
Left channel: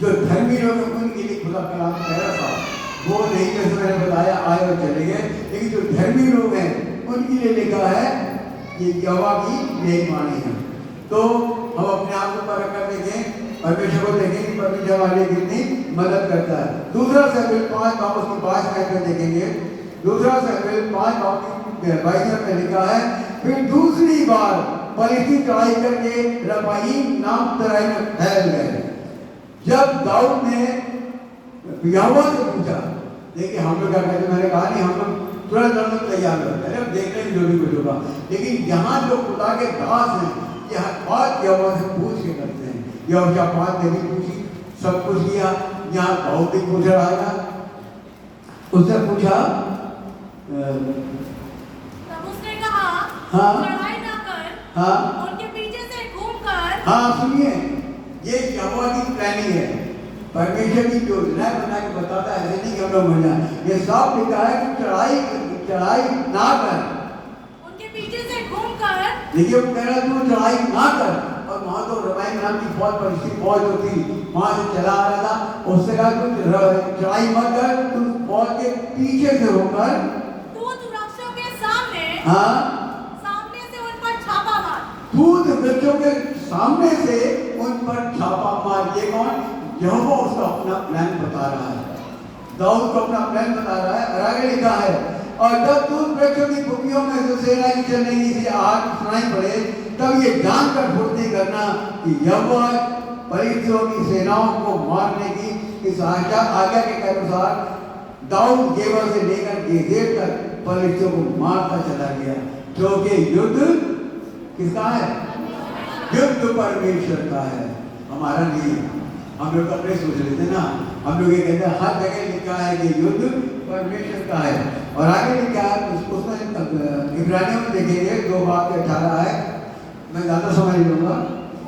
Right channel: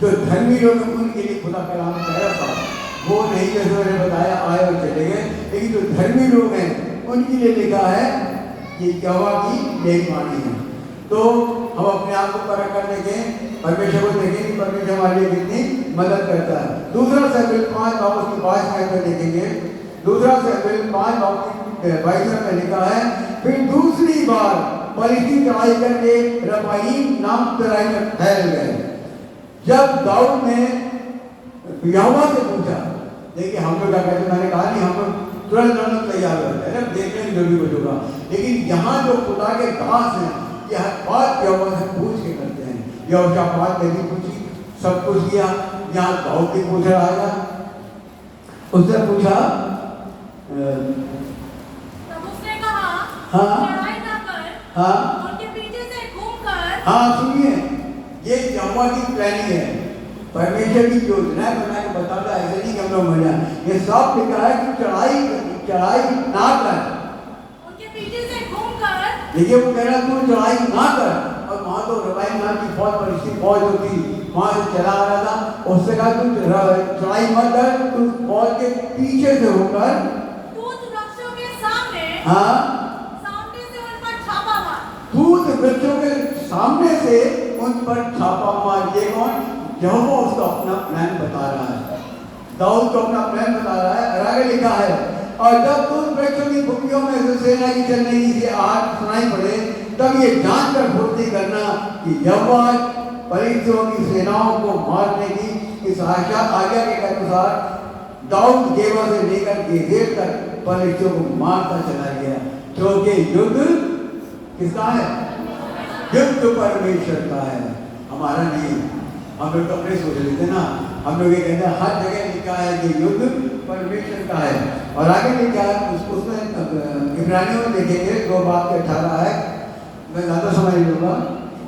जो धर्मी लोग उनके लिए खुदा का नाम कह रहा था, वो नहीं जैसे मैंने बताया आए और चले गए, लेकिन जो धर्मी लोग हैं उनके लिए लिखा है कि यहोवा की यही वाणी है। तो हम अपने आप को परख कर देखें, परमेश्वर को देखें कि परमेश्वर हमारी कितनी मदद करता है। दूसरा शमूएल 5:22 में देखेंगे, दूसरा शमूएल 5:22 में लिखा है फिर दूसरी बार फलिस्ती चढ़ाई करके रफाईम नाम तराई में फैल गए। जब दाऊद ने यहोवा से पूछा, देखिए हम लोग क्या कहते, मैंने कहा नहीं, हम लोग तुरंत तुरंत तैयार होते हैं, देखने में जो भी कुछ होगा, लेकिन यहाँ जो खुदा के दास हैं यह बात यहोवा से पूछ के करते हैं। यहोशापात ने भी पूछी, सब कुछ किया, यहाँ दाऊद ने पूछा, राजा उसने पूछा, उसने कहा हाँ लड़ाई ना कर, हाँ उनके पीछे से घूमकर। हाँ सुनिए, ये यहोवा की प्लानिंग है, परमेश्वर की योजना बना के बताता है, ऐसे नहीं कि हम लोग मजा, ये साफ लिखा है कि चढ़ाई ना कर, उनके पीछे से घूमकर। देखिए वो कह रहा तू चढ़ाई ना कर। अब वहाँ तो रफाईम नाम की बहुत बड़ी फौज होती, वहाँ से चला आ रहा था, उससे कहा तू चढ़ाई मत कर, तू फौज के पीछे से होकर दूत वृक्षों के सामने, हाँ सामने से उन पर छापा मार, दूत वृक्षों के सामने से उन पर छापा मार दिए कौन? यहोवा उसका अपना प्लान बता रहा है। दाऊद को अपना प्लान बता रहा है और आगे लिखा है, और जब तुम बच्चों की कुपियों में जो सेना की चल रही थी आग सुनाई पड़े, तब ये जानकर फुर्ती करना कि यहोवा फलिश्तियों की सेनाओं को मारने की इस आज्ञा के अनुसार दाऊद गेबा से लेकर गेजेर तक फलिश्तियों को मारता चला गया, क्योंकि युद्ध किसका है? युद्ध परमेश्वर का है, हमारा नहीं। हम लोग अपने सोच लेते ना, हम लोग ये कहते हैं हर जगह लिखा है कि युद्ध परमेश्वर का है। और आगे लिखा है उसमें इब्रानियों में देखेंगे 2:18 है, मैं ज़्यादा समझ लूँगा।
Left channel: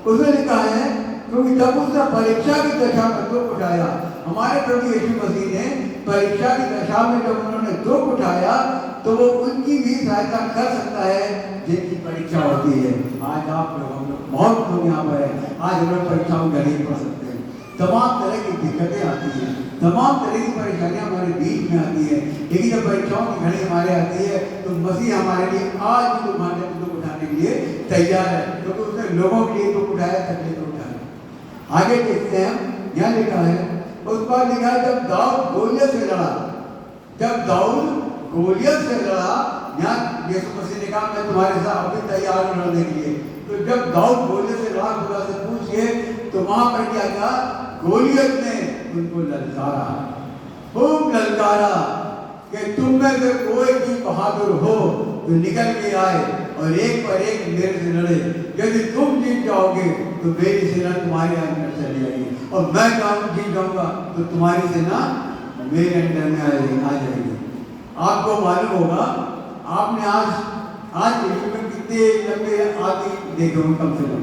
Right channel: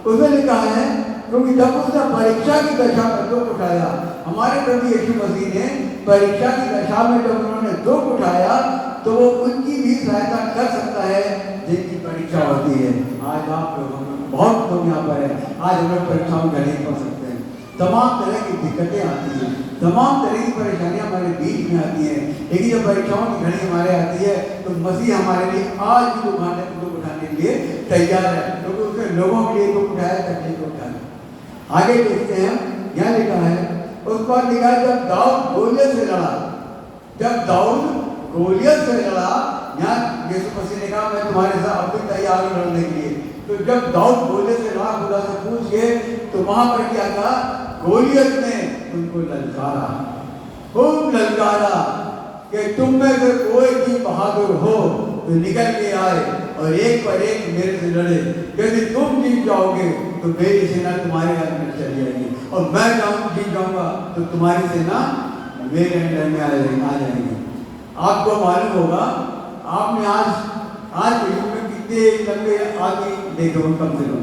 उसमें लिखा है क्योंकि जब उसने परीक्षा की दशा में दुख उठाया, हमारे प्रभु यीशु मसीह ने परीक्षा की दशा में जब उन्होंने दुख उठाया तो वो उनकी भी सहायता कर सकता है जिनकी परीक्षा होती है। आज आप लोग बहुत लोग यहाँ पर है, आज हम लोग परीक्षाओं में नहीं पढ़ सकते हैं, तमाम तरह की दिक्कतें आती हैं, तमाम तरह की परेशानियां हमारे बीच में आती हैं, लेकिन जब परीक्षाओं की घड़ी हमारे आती है तो मसीह हमारे लिए आज भी दुख उठाने के लिए तैयार है, क्योंकि तो उसने लोगों के लिए दुख उठाया, तकलीफ उठाया। आगे देखते हैं, यहाँ लिखा है, उस पर लिखा है जब दाऊद गोलियत से लड़ा, जब दाऊद गोलियत से लड़ा, यहाँ यीशु मसीह ने कहा मैं तुम्हारे साथ अभी तैयार हूं लड़ने के लिए। तो जब दाऊद गोलियत से लड़ा, खुदा से पूछ के, तो वहां पर क्या था? गोलियत ने उनको ललकारा, खूब ललकारा कि तुम में से कोई भी बहादुर हो तो निकल के आए और एक पर एक मेरे से लड़े। यदि तुम जीत जाओगे तो मेरी सेना तुम्हारे अंदर चली जाएगी, और मैं जीत जाऊंगा तो तुम्हारी सेना मेरे अंदर में आ जाएगी। आपको मालूम होगा, आपने आज के युग में कितने लंबे आदमी देखे होंगे, कम से कम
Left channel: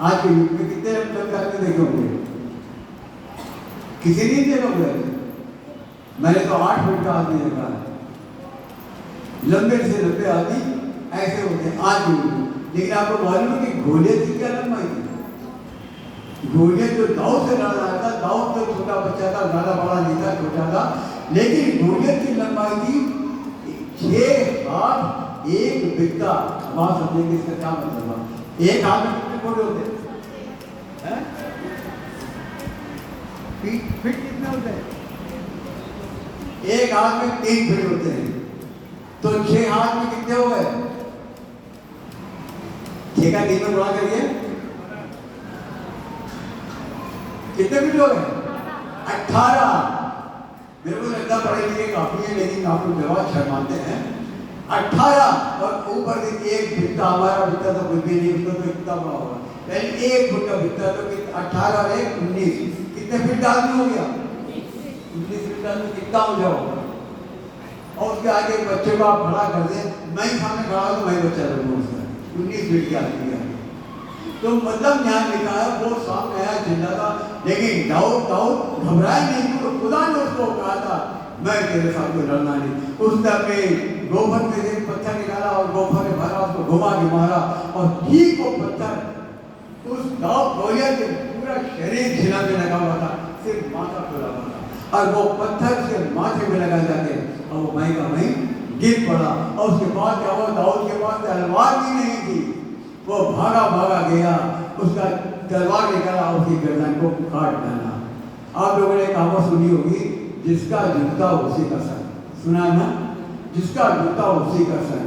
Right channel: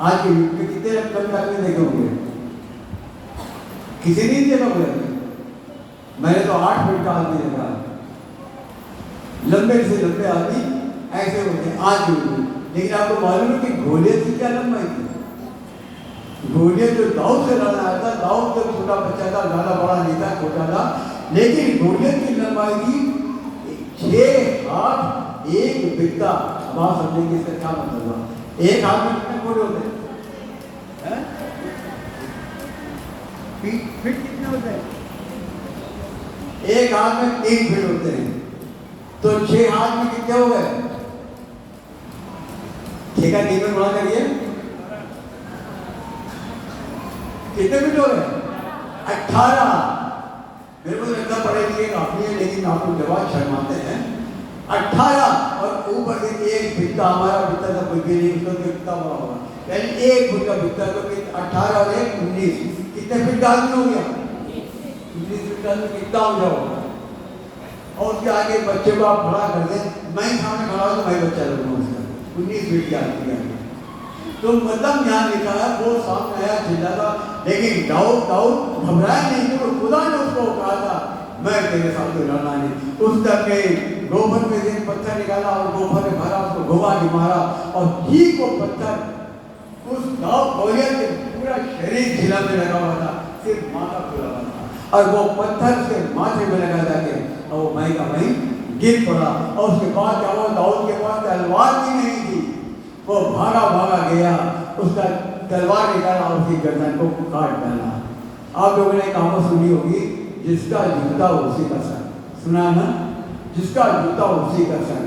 आज के युग में कितने लंबे आदमी देखे होंगे? किसी नहीं देखा होगा? मैंने तो 8 फुट का आदमी देखा, लंबे से लंबे आदमी ऐसे होते हैं आज के युग में। लेकिन आपको मालूम है कि गोलियत की क्या लंबाई थी? गोलियत जो दाऊद से लड़ा था, दाऊद जब छोटा बच्चा था, ज़्यादा बड़ा नहीं था, छोटा था, लेकिन गोलियत की लंबाई थी 6 हाथ 1 बित्ता। अब आप समझेंगे इसका क्या मतलब हुआ? 1 हाथ में कितने घोड़े होते हैं? फीट कितने होते हैं? 1 हाथ में 3 फीट होते हैं, तो 6 हाथ में कितने हो गए? 6 का 3 में गुणा करिए, कितने फीट हो गए? 18। मेरे को लगता पढ़े लिखे काफी है, लेकिन आप लोग जवाब शर्माते हैं। 18 और ऊपर से 1 बित्ता, हमारा बित्ता तो कोई भी नहीं, तो कितना बड़ा होगा? पहले 1 फुट का बित्ता, तो 18 और 1 19, कितने फीट आदमी हो गया? 19 फीट आदमी कितना हो जाओगा? और उसके आगे बच्चे को आप बड़ा कर दें, मैं ही सामने खड़ा हूँ, मैं बच्चा लूँगा उससे 19 फीट की आदमी है। तो मतलब यहाँ लिखा है वो सामने आया चिल्लाता, लेकिन दाऊद घबराया नहीं, तो खुदा ने उसको कहा था मैं तेरे सामने लड़ना नहीं। उसने अपने गोफर में से पत्थर निकाला और गोफर में भरा, उसको घुमा के मारा, और ठीक वो पत्थर उस गोलियत के पूरा शरीर झिलाने लगा हुआ था, सिर्फ माथा खुला हुआ था, और वो पत्थर उसके माथे में लगा जाके और वो वहीं का वहीं गिर पड़ा। और उसके बाद क्या हुआ? दाऊद के पास तलवार भी नहीं थी, वो भागा गया, उसका तलवार निकाला और उसकी गर्दन को काट डाला। आप लोगों ने कहावत सुनी होगी, जिसका जूता उसी का सर, सुना ना? जिसका जूता उसी का सर।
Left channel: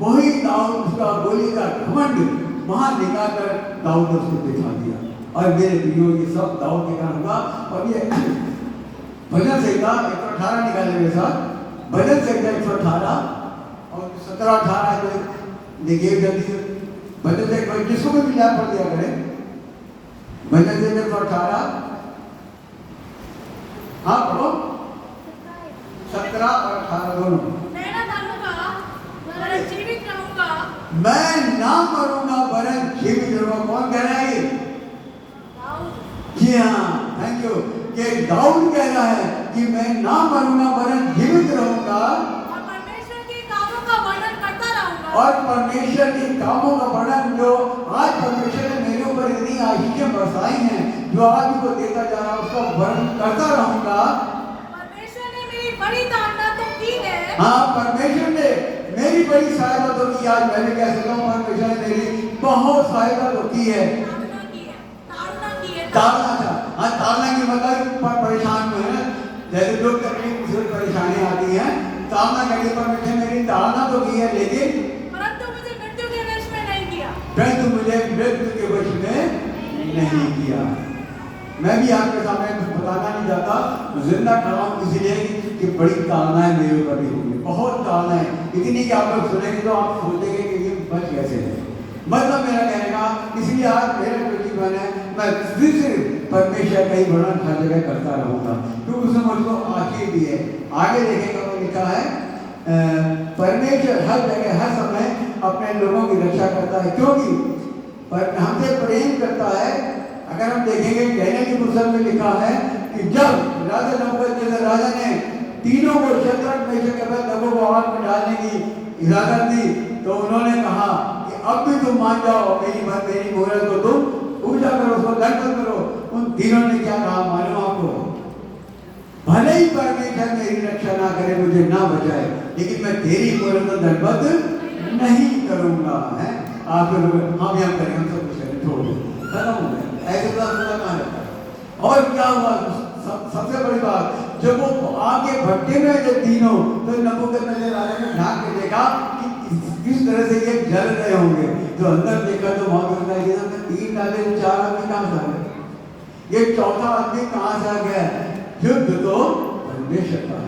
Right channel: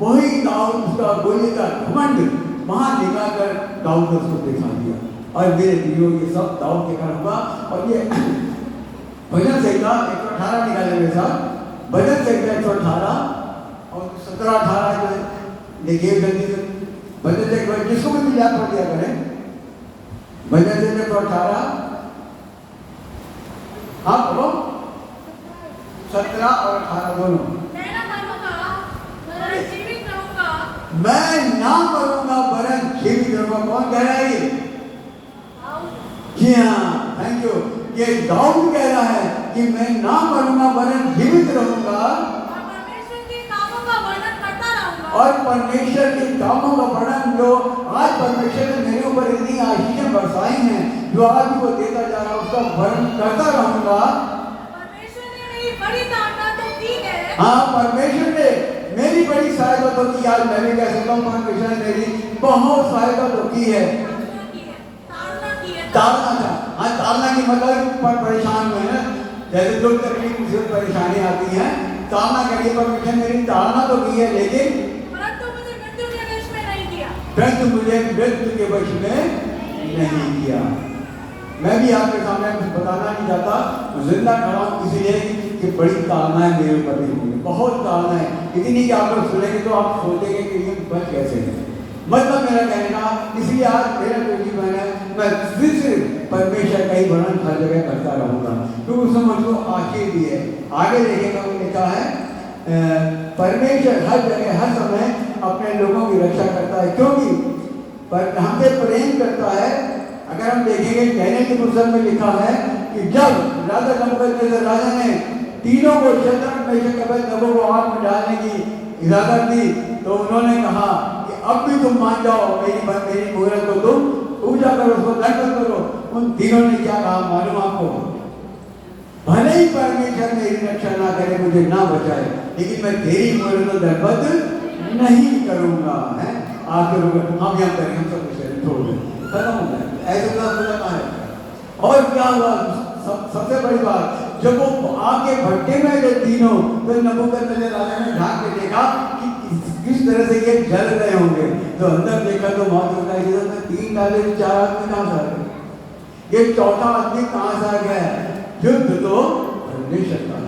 वही दाऊद उसका गोली का घमंड वहां निकालकर दाऊद ने उसको दिखा दिया। और मेरे वीडियो ये सब दाऊद के कारण हुआ। और ये भजन संहिता 118 निकाले मेरे साथ, भजन संहिता 118 और 17-18 देखिए जल्दी से। भजन संहिता जिसको भी मिला पढ़ दिया करें। भजन संहिता 118, हाँ पढ़ो, 17 और 18 दोनों। मैं नाम करूंगा वरन जीवित रहूंगा। कौन कह रहा है ये? जी हाँ, थैंक यू। ये दाऊद कह रहा है कि मैं नाम करूंगा वरन जीवित रहूंगा और परमेश्वर के कामों का वर्णन, जो आज परमेश्वर ने मेरे ऊपर इतनी आशीषें बरसाई हैं, जो आज वो देता जा रहा है, उसका वर्णन करता रहूंगा। परमेश्वर ने मेरी बड़ी ताकत दी है। हाँ, परमेश्वर ने मेरी बड़ी सहायता तो की। आज मैं भी कह सकता हूँ परमेश्वर ने मेरी बहुत सहायता तो की है। ताड़ना ताड़ना था, हाँ ताड़ना की मतलब पर परेशान हुए ना, जैसे लोग तकलीफ मुसीबत परेशानी आती है, ताड़ना करिए परमेश्वर मेरी ताड़ना तो की है, लेकिन परंतु मुझे मृत्यु के वश में नहीं किया। परंतु मुझे मृत्यु के वश में नहीं किया। मैं भी आपके सामने बताना नहीं चाहता, जिंदा खड़ा हूं इसलिए कि बड़ी ताड़नाएं मेरे ऊपर भी हुई, बहुत ताड़नाएं, इतनी कि आप लोग सुनेंगे तो आप सोचेंगे कि ये बच कैसे है। मतलब मेरा कहने का इसलिए आज मेरा जो जीवन है, मैं सिर्फ परमेश्वर का ही वर्णन हर जगह करता रहूंगा, क्योंकि उसने मुझको आशीष दी है। आगे देखेगा तो लिखा है परमेश्वर हर जगह हर समय अपने लोगों की रक्षा करता है, क्योंकि पर हमसे प्रेम करता है। अगर हम देखेंगे कहने की पुस्तक में लिखा है कि जब राजा नबूकदनेस्सर राजा ने तीनों को शद्रक मेशक अबेदनगो को आग में डालने की इजाजत दी, तो उन्होंने कहा कि अब भी तुम मान जाओ, मेरी मूरत को तुम पूजा करो, उसको दंडवत करो। उन तीनों ने क्या कहा मालूम आपको? भले ही परमेश्वर मेरी रक्षा ना करे, मुझे ना बचाए, लेकिन मैं तेरी मूरत को दंडवत नहीं करूंगा। है आखिर हम यहाँ करें, हम सब छोड़ दें, ऐसे और क्या हुआ? सबसे बड़ी बात, जब वो आगे भट्टे में गए तीनों, तो नबूकदनेस्सर राजा ने ढांक के देखा कि किस तरह से ये जल रहे होंगे। तो अंदर देखा तो बहुत होता है, ये तीन डाले तो चार आदमी कहाँ से आ गए, ये चौथा आदमी कहाँ से आ गया? युद्ध तो परमेश्वर का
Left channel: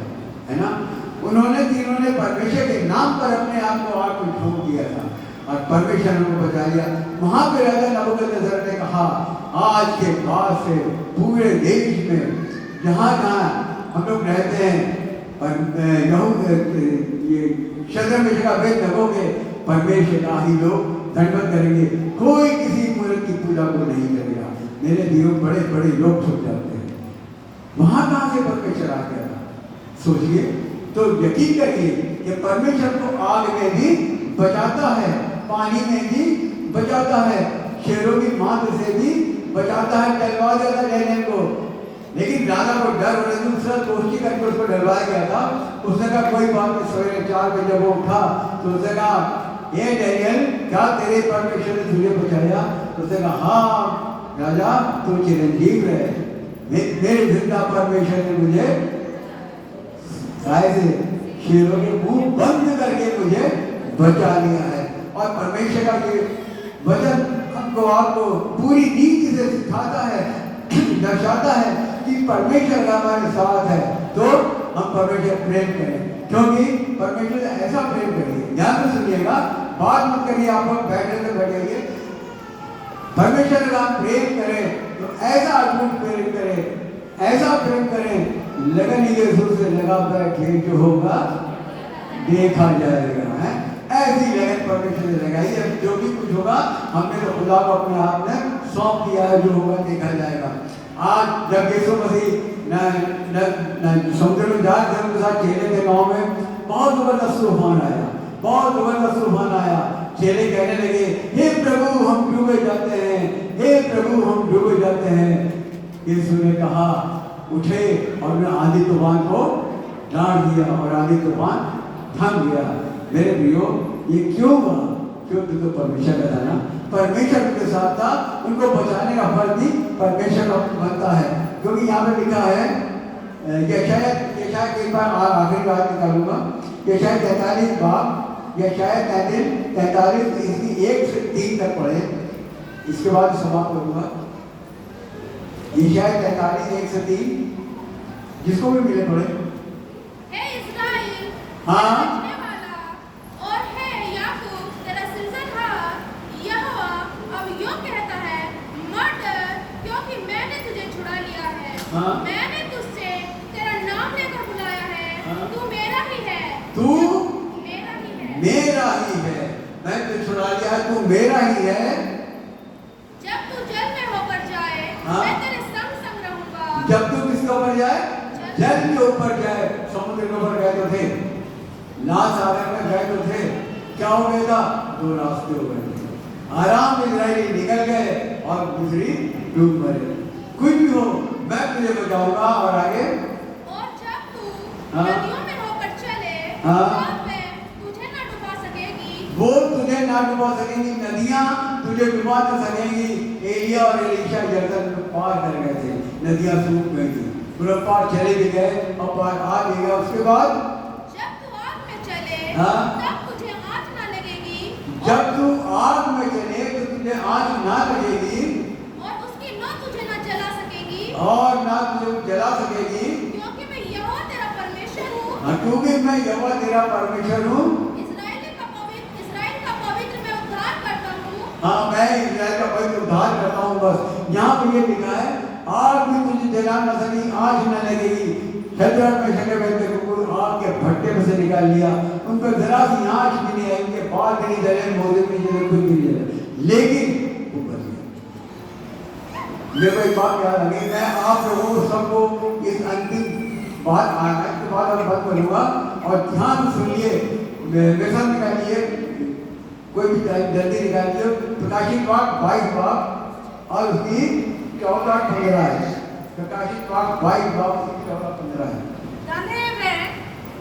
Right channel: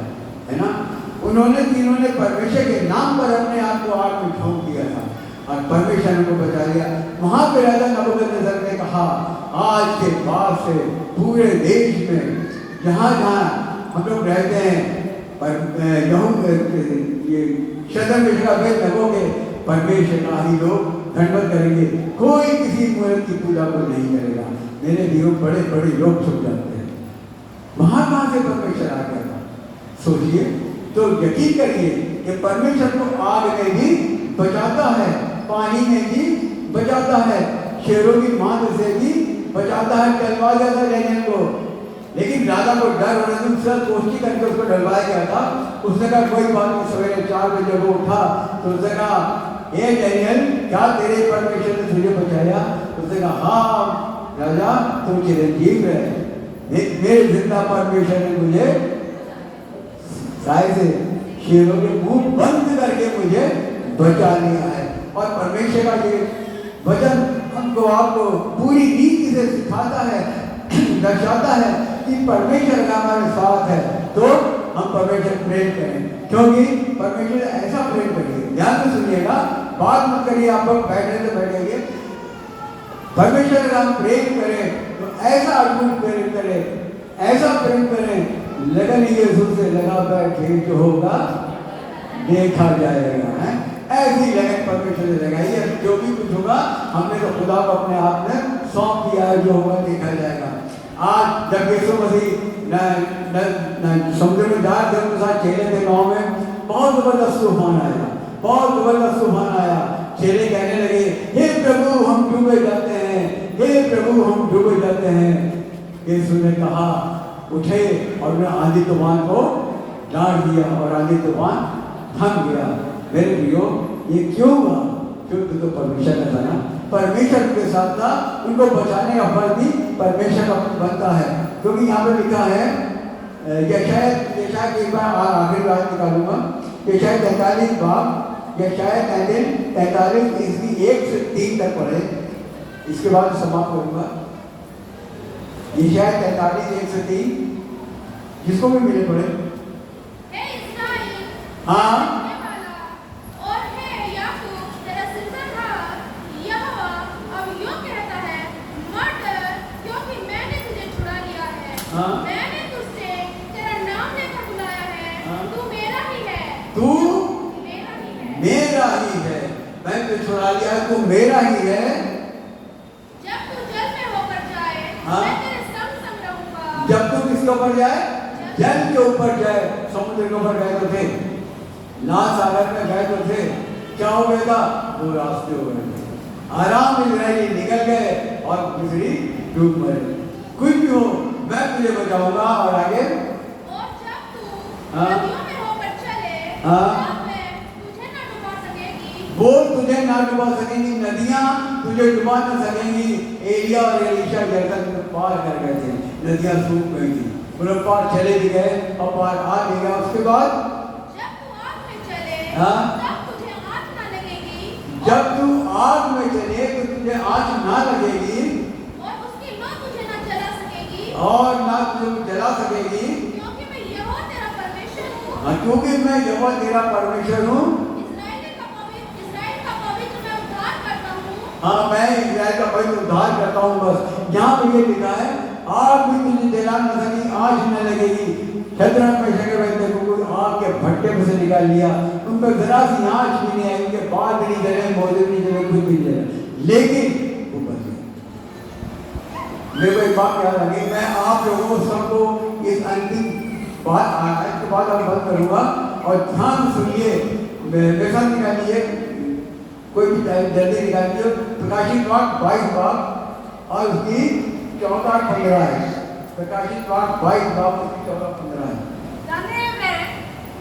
है ना। उन्होंने तीनों ने परमेश्वर के नाम पर अपने आप को आग में ठोक दिया था और परमेश्वर ने उनको बचा लिया। वहां पे राजा नबूकदनेस्सर ने कहा आज के बाद से पूरे देश में जहां जहां हम लोग रहते हैं, ये शद्रक मेशक अबेदनगो के परमेश्वर का ही लोग दंडवत करेंगे, कोई किसी मूर्त की पूजा को नहीं करेगा। मेरे जीवन बड़े बड़े लोग छुप जाते हैं, वहां कहां से परमेश्वर आ गया था? सोचिए तो, यकीन करिए कि परमेश्वर को आग में भी बचाता है, पानी में भी बचाता है, शेरों की मांद से भी बचाता है, डलवा देता है डैनियल को। लेकिन राजा को डर होने से उससे दोस्ती करके उसको डरवाया गया था। उसने कहा कोई बात नहीं, सवेरे 4 बजे जब वो उठा तो उसने कहा हे डैनियल, क्या तेरे परमेश्वर ने तुझे बचाया? उसने कहा हाँ राजा, तू चिरंजीव रहे, मेरे जिंदा परमेश्वर ने मुझे साय से शेरों के मुंह बंद करके मुझे बचा लिया है। और परमेश्वर का ये वचन हमको आपको पूरी रीति से सिखाता है, दर्शाता है कि परमेश्वर का हमारे साथ है, तो हम परमेश्वर प्रेम करें, क्योंकि परमेश्वर ऐसा प्रेम करिए। ध्यान से सुनिएगा, बात मत करिए, आप लोग बैठे तो बैठेंगे। परमेश्वर का प्रेम करें तो ऐसा अद्भुत प्रेम करें, ऐसा प्रेम करें, लगन यीशु से लगा बैठे जो होगा देखा जाएगा। है ऐसी लगन परमेश्वर से लगाइए, जो भी कुछ होगा हमने तो खुदा को अपने आप में सौंप दिया है, जो होगा देखा जाएगा। आज जब यीशु मसीह समुद्र में जा रहे थे, उनके साथ चेले थे गाँव में, बहुत जबरदस्त तूफान आया, बहुत जबरदस्त तूफान आया। चेले कहने लगे हे प्रभु हम डूबे जाते हैं, हे प्रभु हम डूबे जाते हैं। यीशु ने कहा उठे और उन्हें आंधी तूफान को डांट दिया और आंधी तूफान थम गया। मेरे प्रियो, ये क्यों हुआ? क्योंकि तो परमेश्वर का था ना, परमेश्वर उनके साथ था, उनको बचाने का फल भी परमेश्वर का बनता है। क्योंकि यहाँ पे लिखा है, यशायाह एक बार आखिरी बात निकालूंगा, यशायाह 43 बाब, यशायाह 43 इसकी 1 से 3 तक पढ़े, इसके बाद समाप्त करूंगा। यशायाह 43 1 से 3, जिसको भी मिले पढ़े। हाँ मैंने तुझसे तेरा नाम लेकर बुलाया है, तू मेरा ही है, तू मेरा ही है, मेरा ही है, मैं तुझे छुड़ा लिया है, तू मेरा ही है। जब तू जल में होकर जाए, मैं तेरे संग संग रहूंगा। जब तू किसके ऊपर जाए? जल के ऊपर जाए। समुद्र के ऊपर गए तो थे, लाल सागर में गए तो थे, क्या हो गया था? दो रास्ते हो गए थे, आराम में इजराइली निकल गए और दूसरी डूब गए। कुछ भी हो मैं तुझे बचाऊंगा। और आगे, और जब तू नदियों में होकर चले, तब मैं तुझे ना डुबा सकेगी। वो तुझे ना डुबा सकेंगी, नदियां तुझे मुझे डुबा न सकेंगी। एलिया और एलीशा यरदन को पार कर गए थे, नदियां सूख गई थी, वो पार चले भी गए और पार आ भी गया। उसके बाद जब तू आग में चले हाँ? तब तुझे आँच न लगेगी जब तू आग में चले तो तुझे आग ना लगेगी और उसकी लौ तुझे न जला सकेगी, और ना तुझे वो जला सकेगी, क्योंकि मैं यहोवा तेरा परमेश्वर हूँ। क्योंकि मैं यहोवा तेरा परमेश्वर हूँ। इस्राएल का पवित्र मैं उद्धार करता हूँ। हाँ, मैं इस्राएल का पवित्र उद्धार करता हूँ। बस यहाँ पे ये लिखा है, आग भी तुझे जला न सकेगी, आग न लगेगी। शद्रक मेशक अबेदनगो को आग के भट्टे में से निकाल लिया, उनको जरा सी आँच भी नहीं आई, उनके बाल नहीं जले, मोजे नहीं जले, कुछ नहीं जले, लेकिन वो बच गए। मेरे को एक बात याद आ गई, मैं आप लोगों सबको इस अंतिम बात आयत के बाद अब बंद करूँगा और ध्यान सुनिए, लेसन निकालिए, कोई भी टाइम जल्दी निकालिए। प्रकाशित वाक्य 22 बाब और उसकी 14-15 है। प्रकाशित वाक्य 22 बाब उसकी 14-15 है। धन्य वे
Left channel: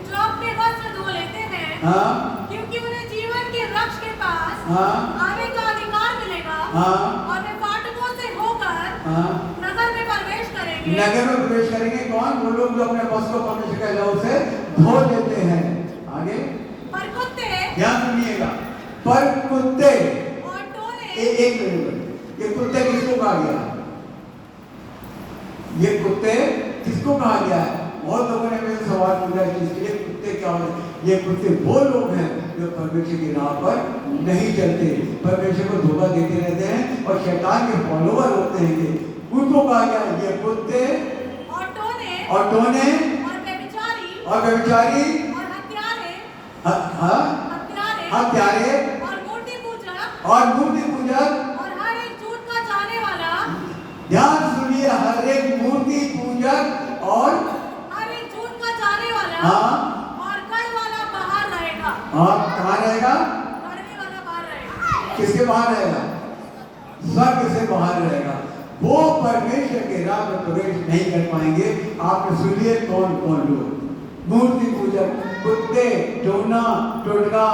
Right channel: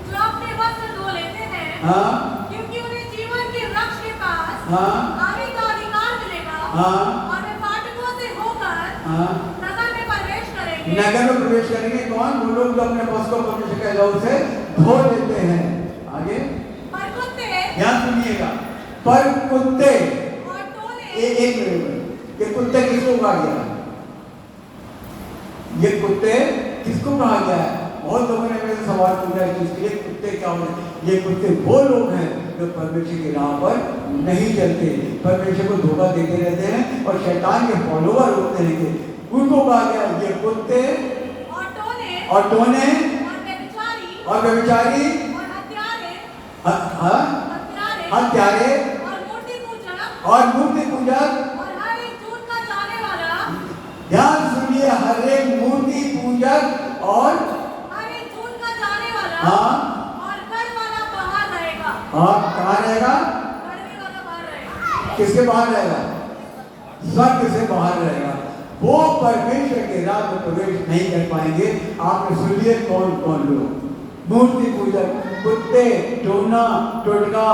जो अपने वस्त्र धो लेते हैं, हाँ, क्योंकि उन्हें जीवन के वृक्ष के पास हाँ, आगे का अधिकार मिलेगा। हाँ, और वे फाटकों से होकर हाँ, नगर में प्रवेश करेंगे। नगर में प्रवेश करेंगे। कौन? वो लोग जो अपने वस्त्र को परमेश्वर के लहू से धो लेते हैं। आगे पर कुत्ते ध्यान सुनिएगा, पर कुत्ते और टोले एक मिनट, ये कुत्ते किसको कहा गया? ये कुत्ते किसको कहा गया है? बहुत लोगों ने मेरे सवाल पूछा कि इसके लिए कुत्ते क्या होते हैं? ये कुत्ते वो लोग हैं जो परमेश्वर की राह पर नहीं चलते, परमेश्वर को धोखा देते रहते हैं और शैतान के फॉलोअर होते हैं। ये उनको कहा गया ये कुत्ते और टोले और टोने और व्यभिचारी और हत्यारे हत्यारे और मूर्ति पूजक और मूर्ति पूजक। और हर एक झूठ का जाने वाला, ध्यान सुनिए, हर एक मूर्ति पूजक और हर एक झूठ का जाने वाला हाँ, और कर वाला बाहर रहेगा। और कहाँ रहेगा? करने वाला बाहर रहेगा। किसके बाहर रहेगा? स्वर्ग से बाहर रहेगा। वो परमेश्वर के राह में प्रवेश नहीं कर पाएंगे। आपने सुनिए कौन कौन लोग? मूर्ति पूजक, कुत्ते, टोना, टोटका,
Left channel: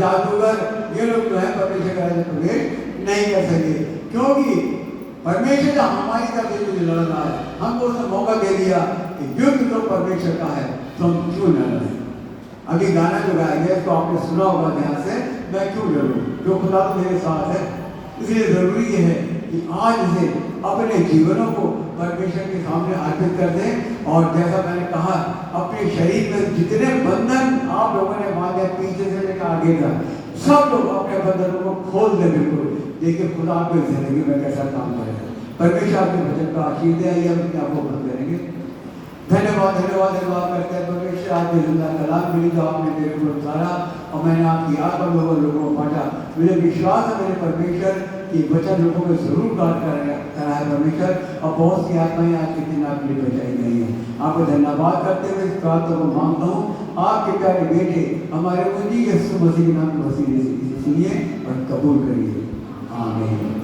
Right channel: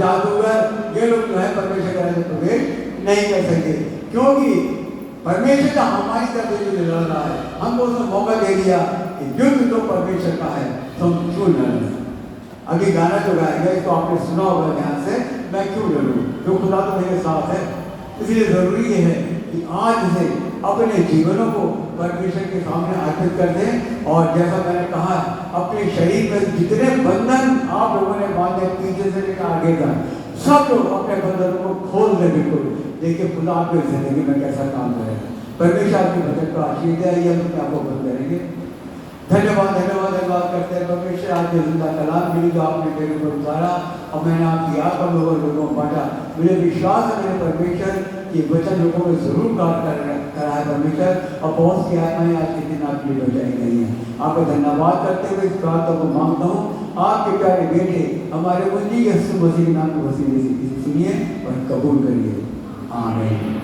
जादूगर, ये लोग जो है परमेश्वर के राह में प्रवेश नहीं कर सके, क्योंकि परमेश्वर का हमारी तरफ से जो लड़ रहा है, हमको उसने मौका दे दिया कि युद्ध तो परमेश्वर का है, तो हम क्यों लड़ रहे? अभी गाना जो गाया गया इसको आपने सुना होगा ध्यान से, मैं क्यों लड़ूं? जो खुदा तो मेरे साथ है। इसलिए जरूरी है कि आज से अपने जीवनों को परमेश्वर के सामने अर्पित कर दें। और जैसा मैंने कहा, अपने शरीर में जितने बंधन आप लोगों ने बांधे पीछे से लेकर आगे का, सब लोग अपने बंधनों को खोल दें। बिल्कुल देखिए खुदा आपकी जिंदगी में कैसा काम करेगा। परमेश्वर आपके वचन को आशीष दे। आइए हम अपने आप को बंद करेंगे। धन्यवाद धन्यवाद धन्यवाद करते हैं परमेश्वर, आपके जिंदा कलाम मिली जो आपने मेरे को उतारा और मैंने आपकी आत्मा लोगों को बांटा। मुझे विश्वास है मेरे परमेश्वर कि वचन लोगों को जरूर काट कराए परमेश्वर, और बहुत सी आत्माएं आपके दिन आपके लिए बचाई गई हैं। आपको धन्यवाद करते हुए इस प्रार्थना को मांगता हूँ। आपके प्यारे बेटे हमारे उन्हीं यीशु मसीह के नाम में वसीले से सुनिए और कबूल करिए। आमीन।